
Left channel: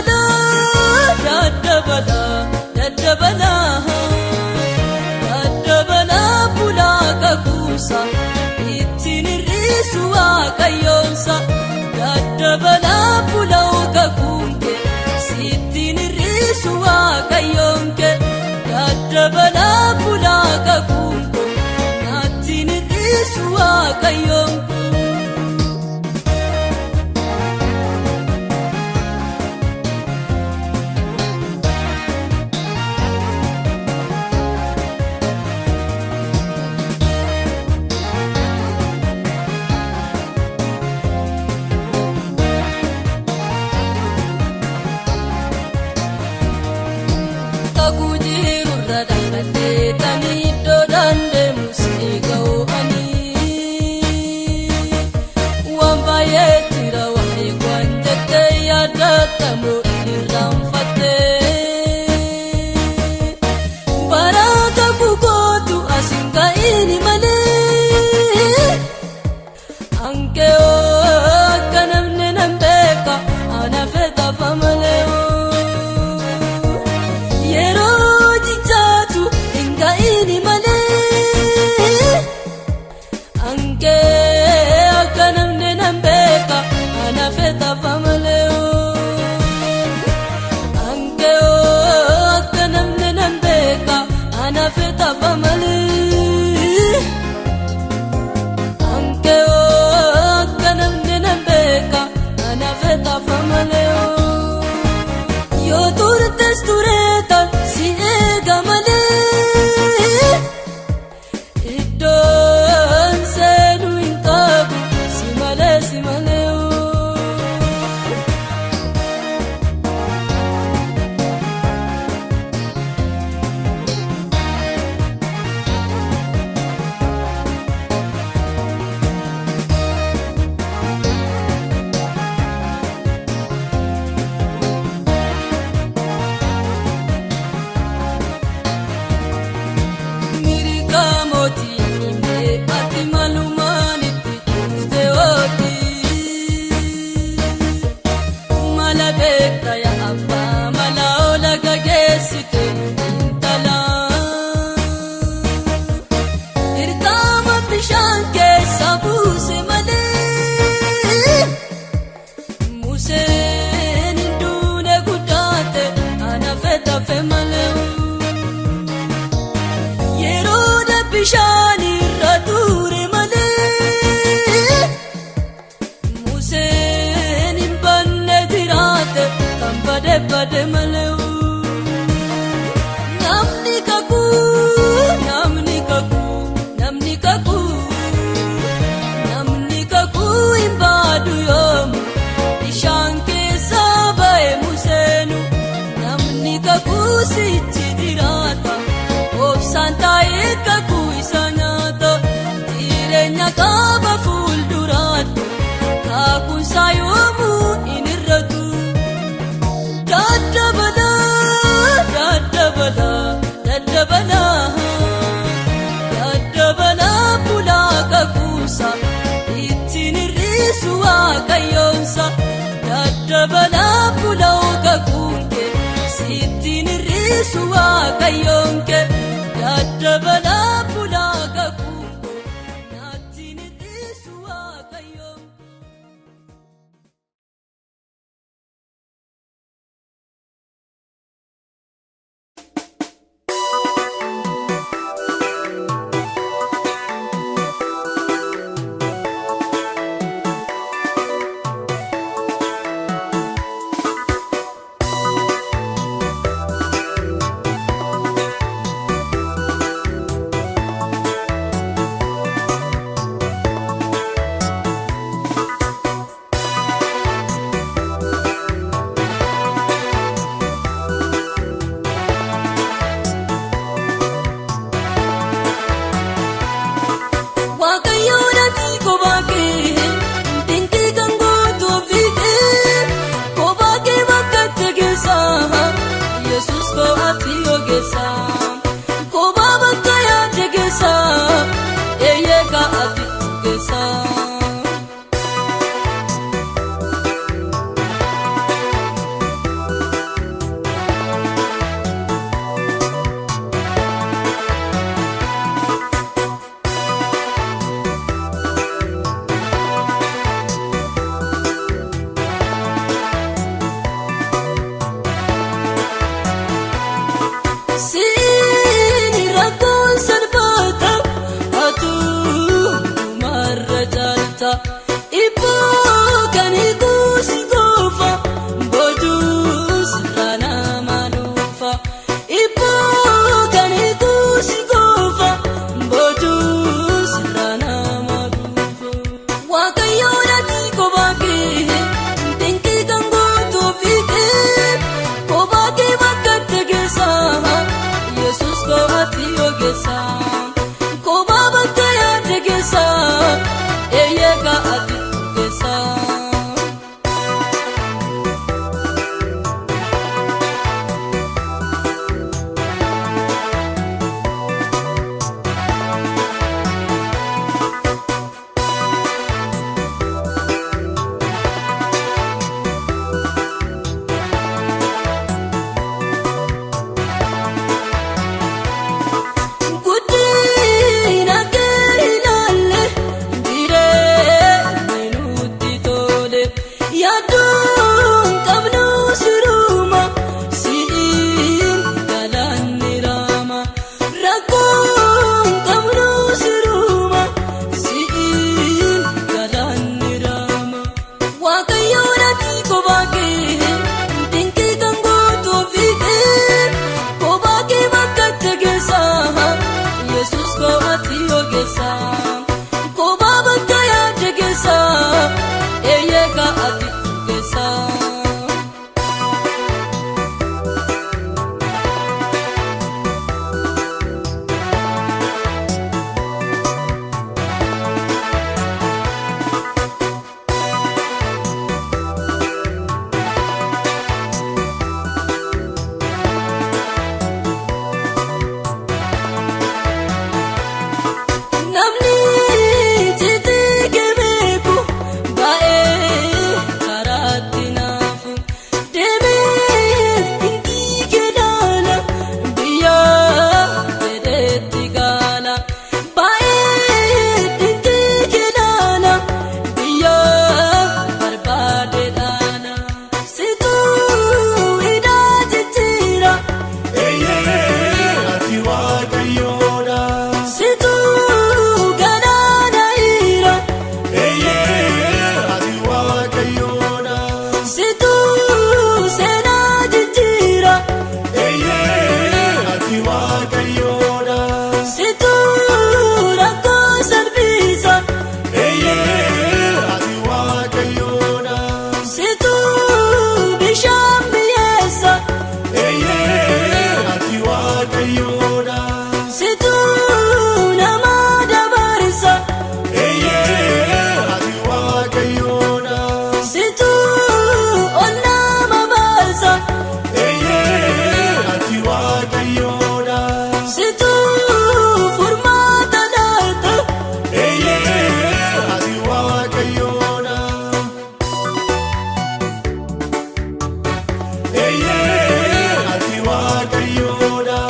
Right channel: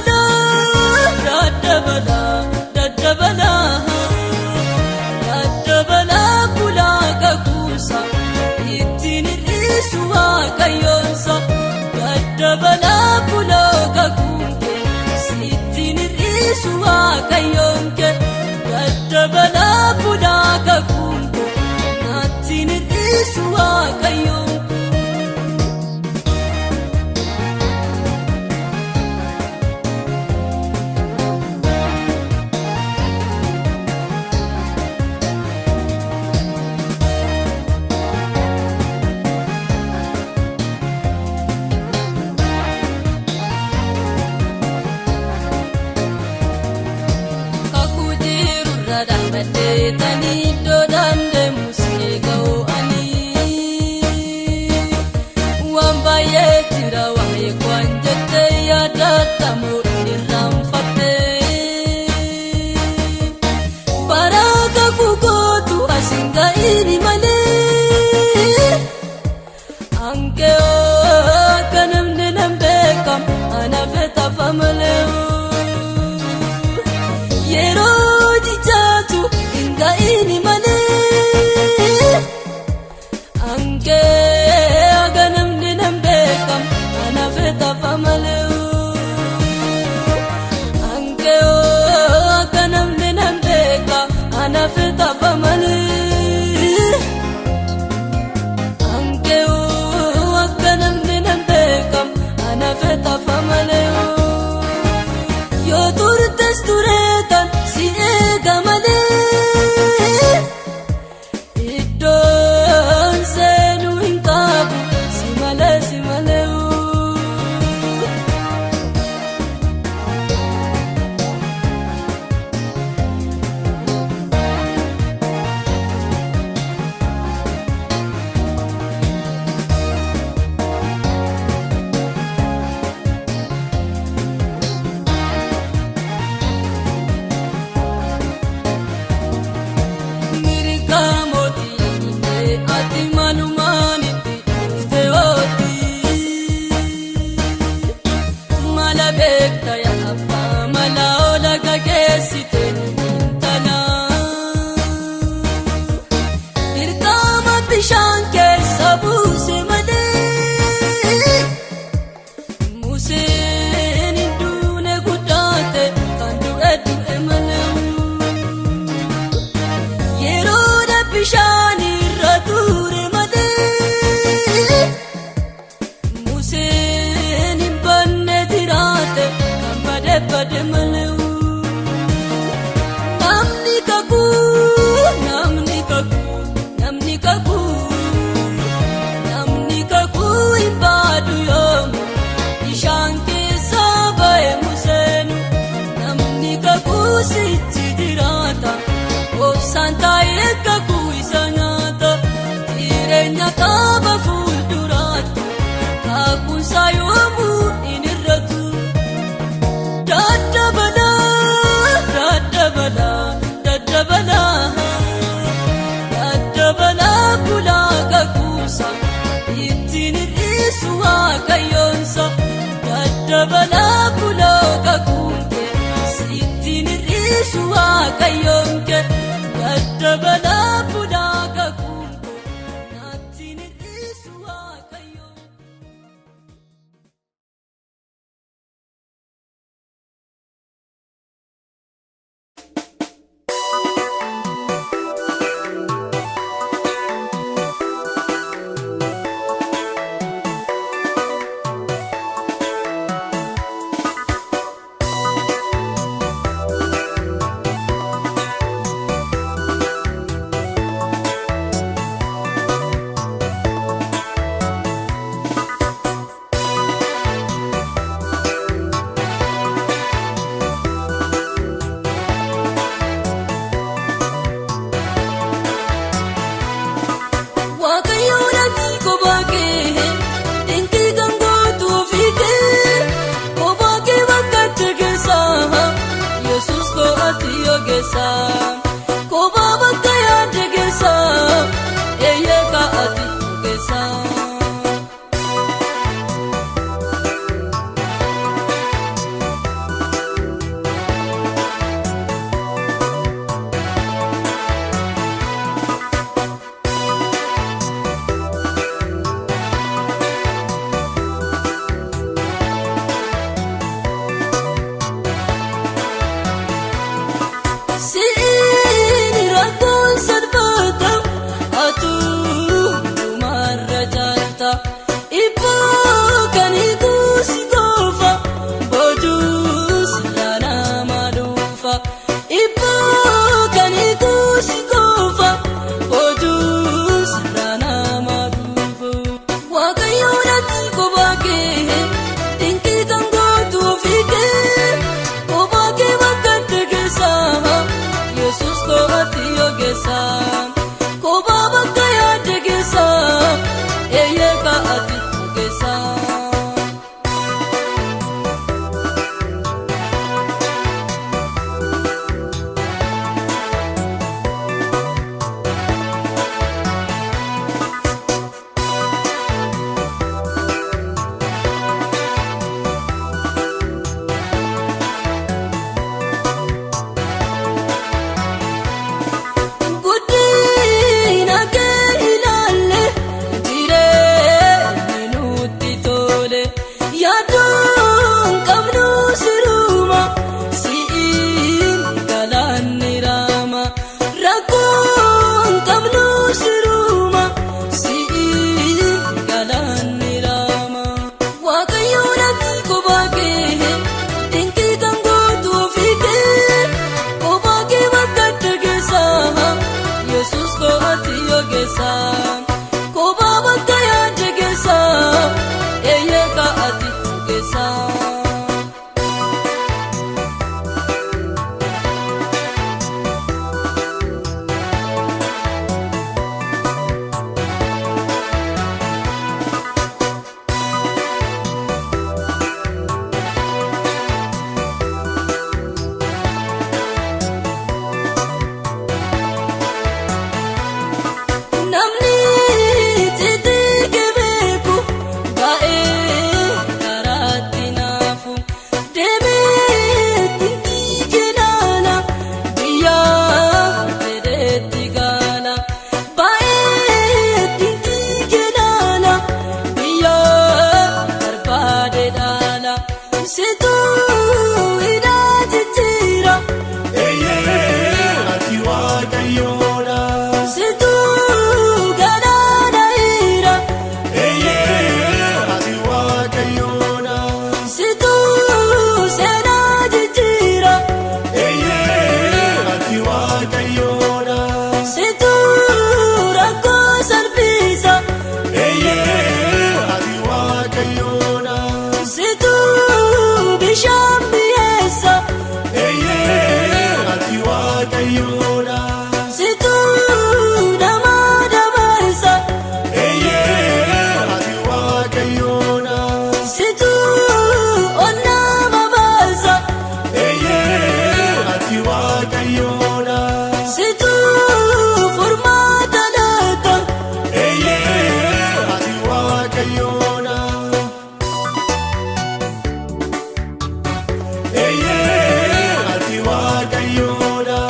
eeyyee ati waaqayyoodha.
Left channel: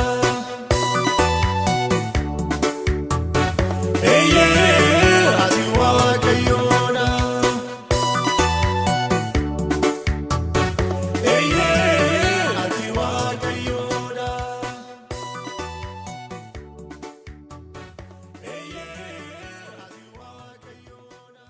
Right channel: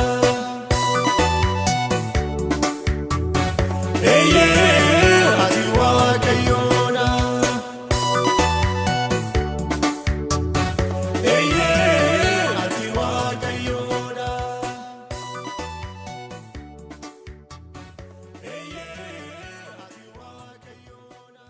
Eeyyee ati waaqayyoodha. Eeyyee ati waaqayyoodha. Eeyyee ati waaqayyoodha.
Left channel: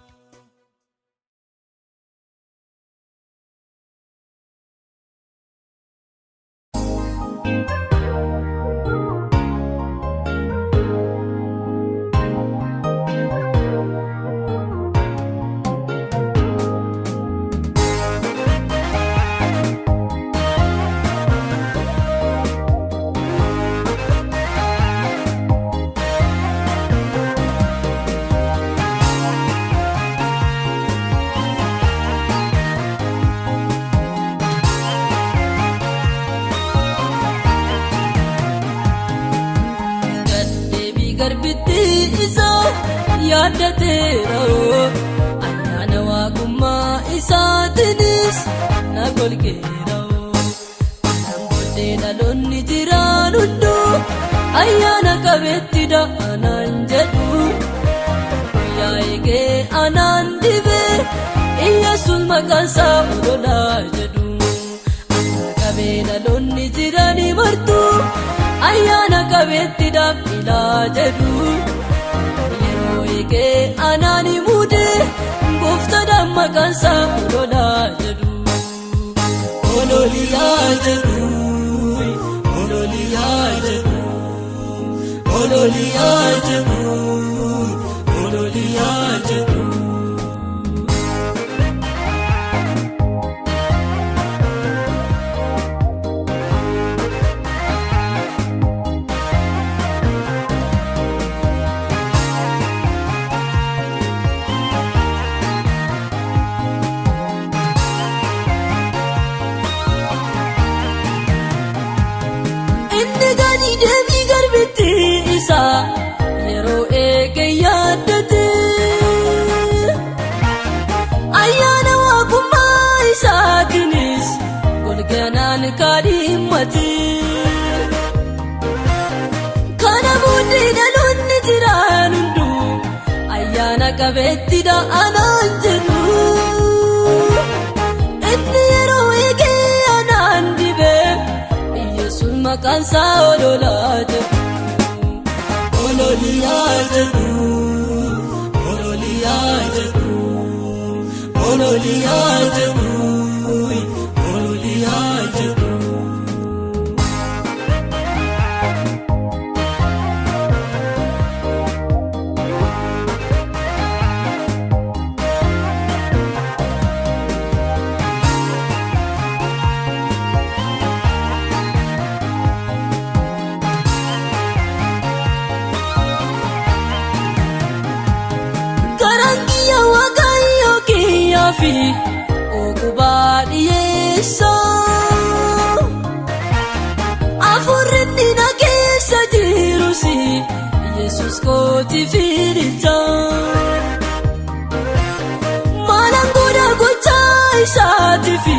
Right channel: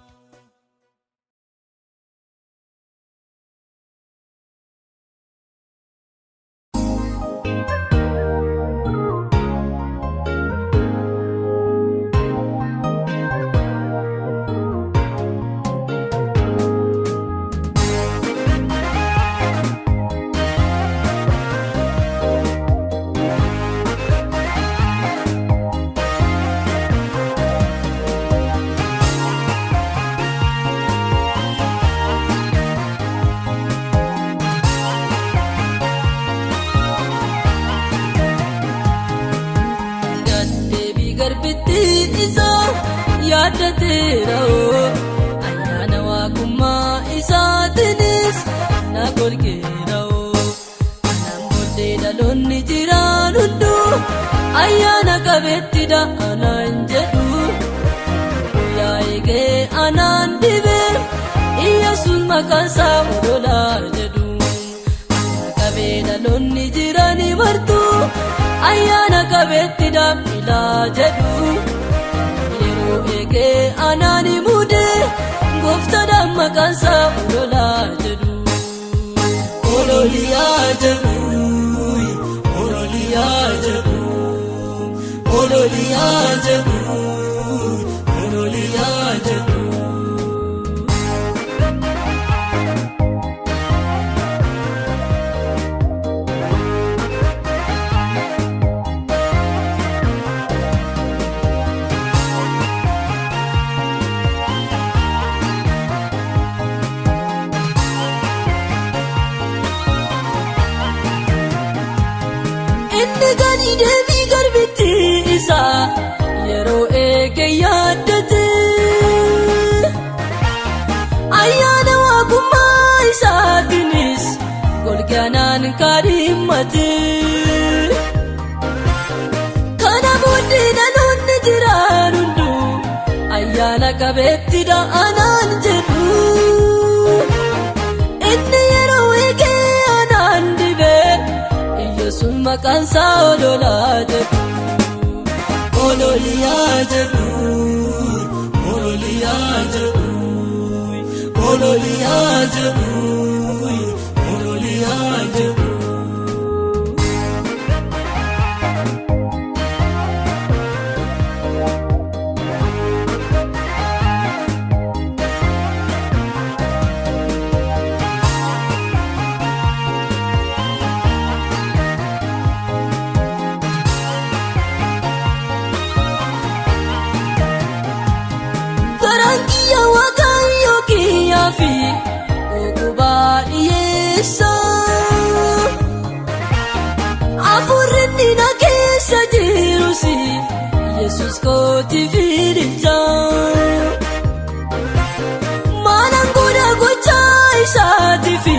Gaddeebii garbitti isaa yaadateeroo ayyaana waaqummaa isaatiinis na kolkeeroo anaan booddee dhaloonni jiraan hunduu ayyaana qabeettidha anaan jedhu guyyaa eegee anaan dhibee Iyyesuus maqaansaa ololaa jedhu ayyaana qabee dhaloonni jiranii martuu ayyaana qabeettidha ilaa jedhu yeroo eegee anaani mudee gooftaadhaan maqaansaa ololaa jedhu ololiyaa jedhu ololiyaa jedhu ololiyaa jedhu ololiyaa jedhu. Inni gadi deebii garbitti isaa yeroo eege yaaddate ayyaana waaqummaa isaatiinis golgaanaan kan himmate kana booddee dhaloonni jiraan hunduu ayyaana qabeettidha anaan jedhu inni yeroo eege anaan dhibee Iyyesuus maqaansaa ololaa jedhu ololiyaa jedhu ololiyaa jedhu ololiyaa jedhu ololiyaa jedhu. Karangiyya waaqayyo kiyyaa fi ogubaa dhiyeessaa afuurri na keessa jirus Iyyesuus kooti fiidichaa maalaan godha gochaa isaatii fi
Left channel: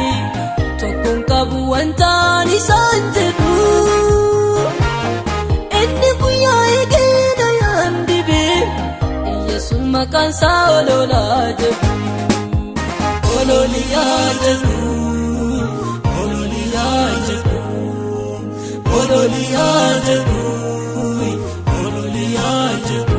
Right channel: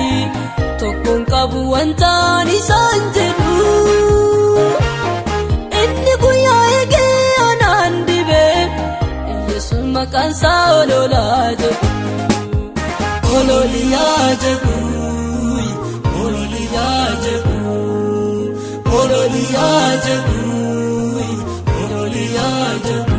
tokkoon qabu wantaan isaan jedhu inni guyyaa eegee anaan dhibee Iyyesuus maqaansaa ololaa jedhu ololiyaa jedhu ololiyaa jedhu ololiyaa jedhu ololiyaa jedhu.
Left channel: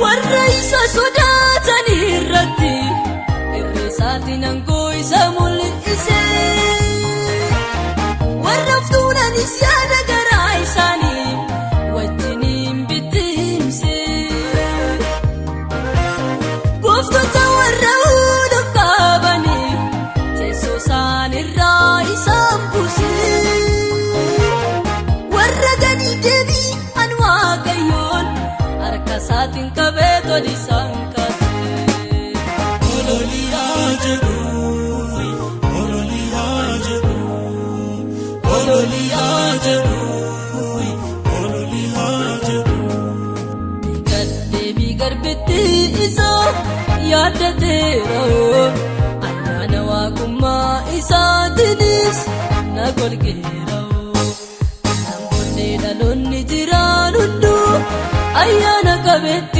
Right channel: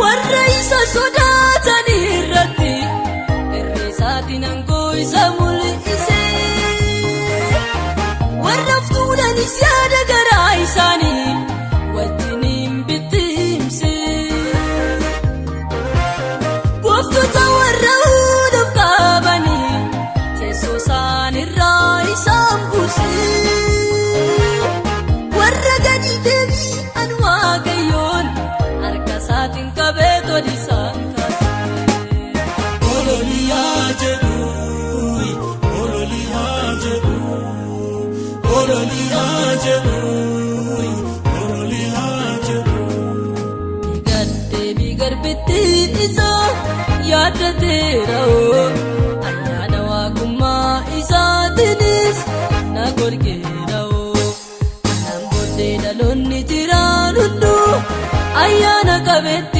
Warra isa sodaatan irratti irree isaatiin aangoo isa mul'ise warra fuulanis yaada garaa isaanii wajjin hin bittinse gooftota warra hunduuf qabanii teessoo isaan irraa isaan buuse warra gadi deebii an waaqayyoon harka isaatiin qabee qabetti.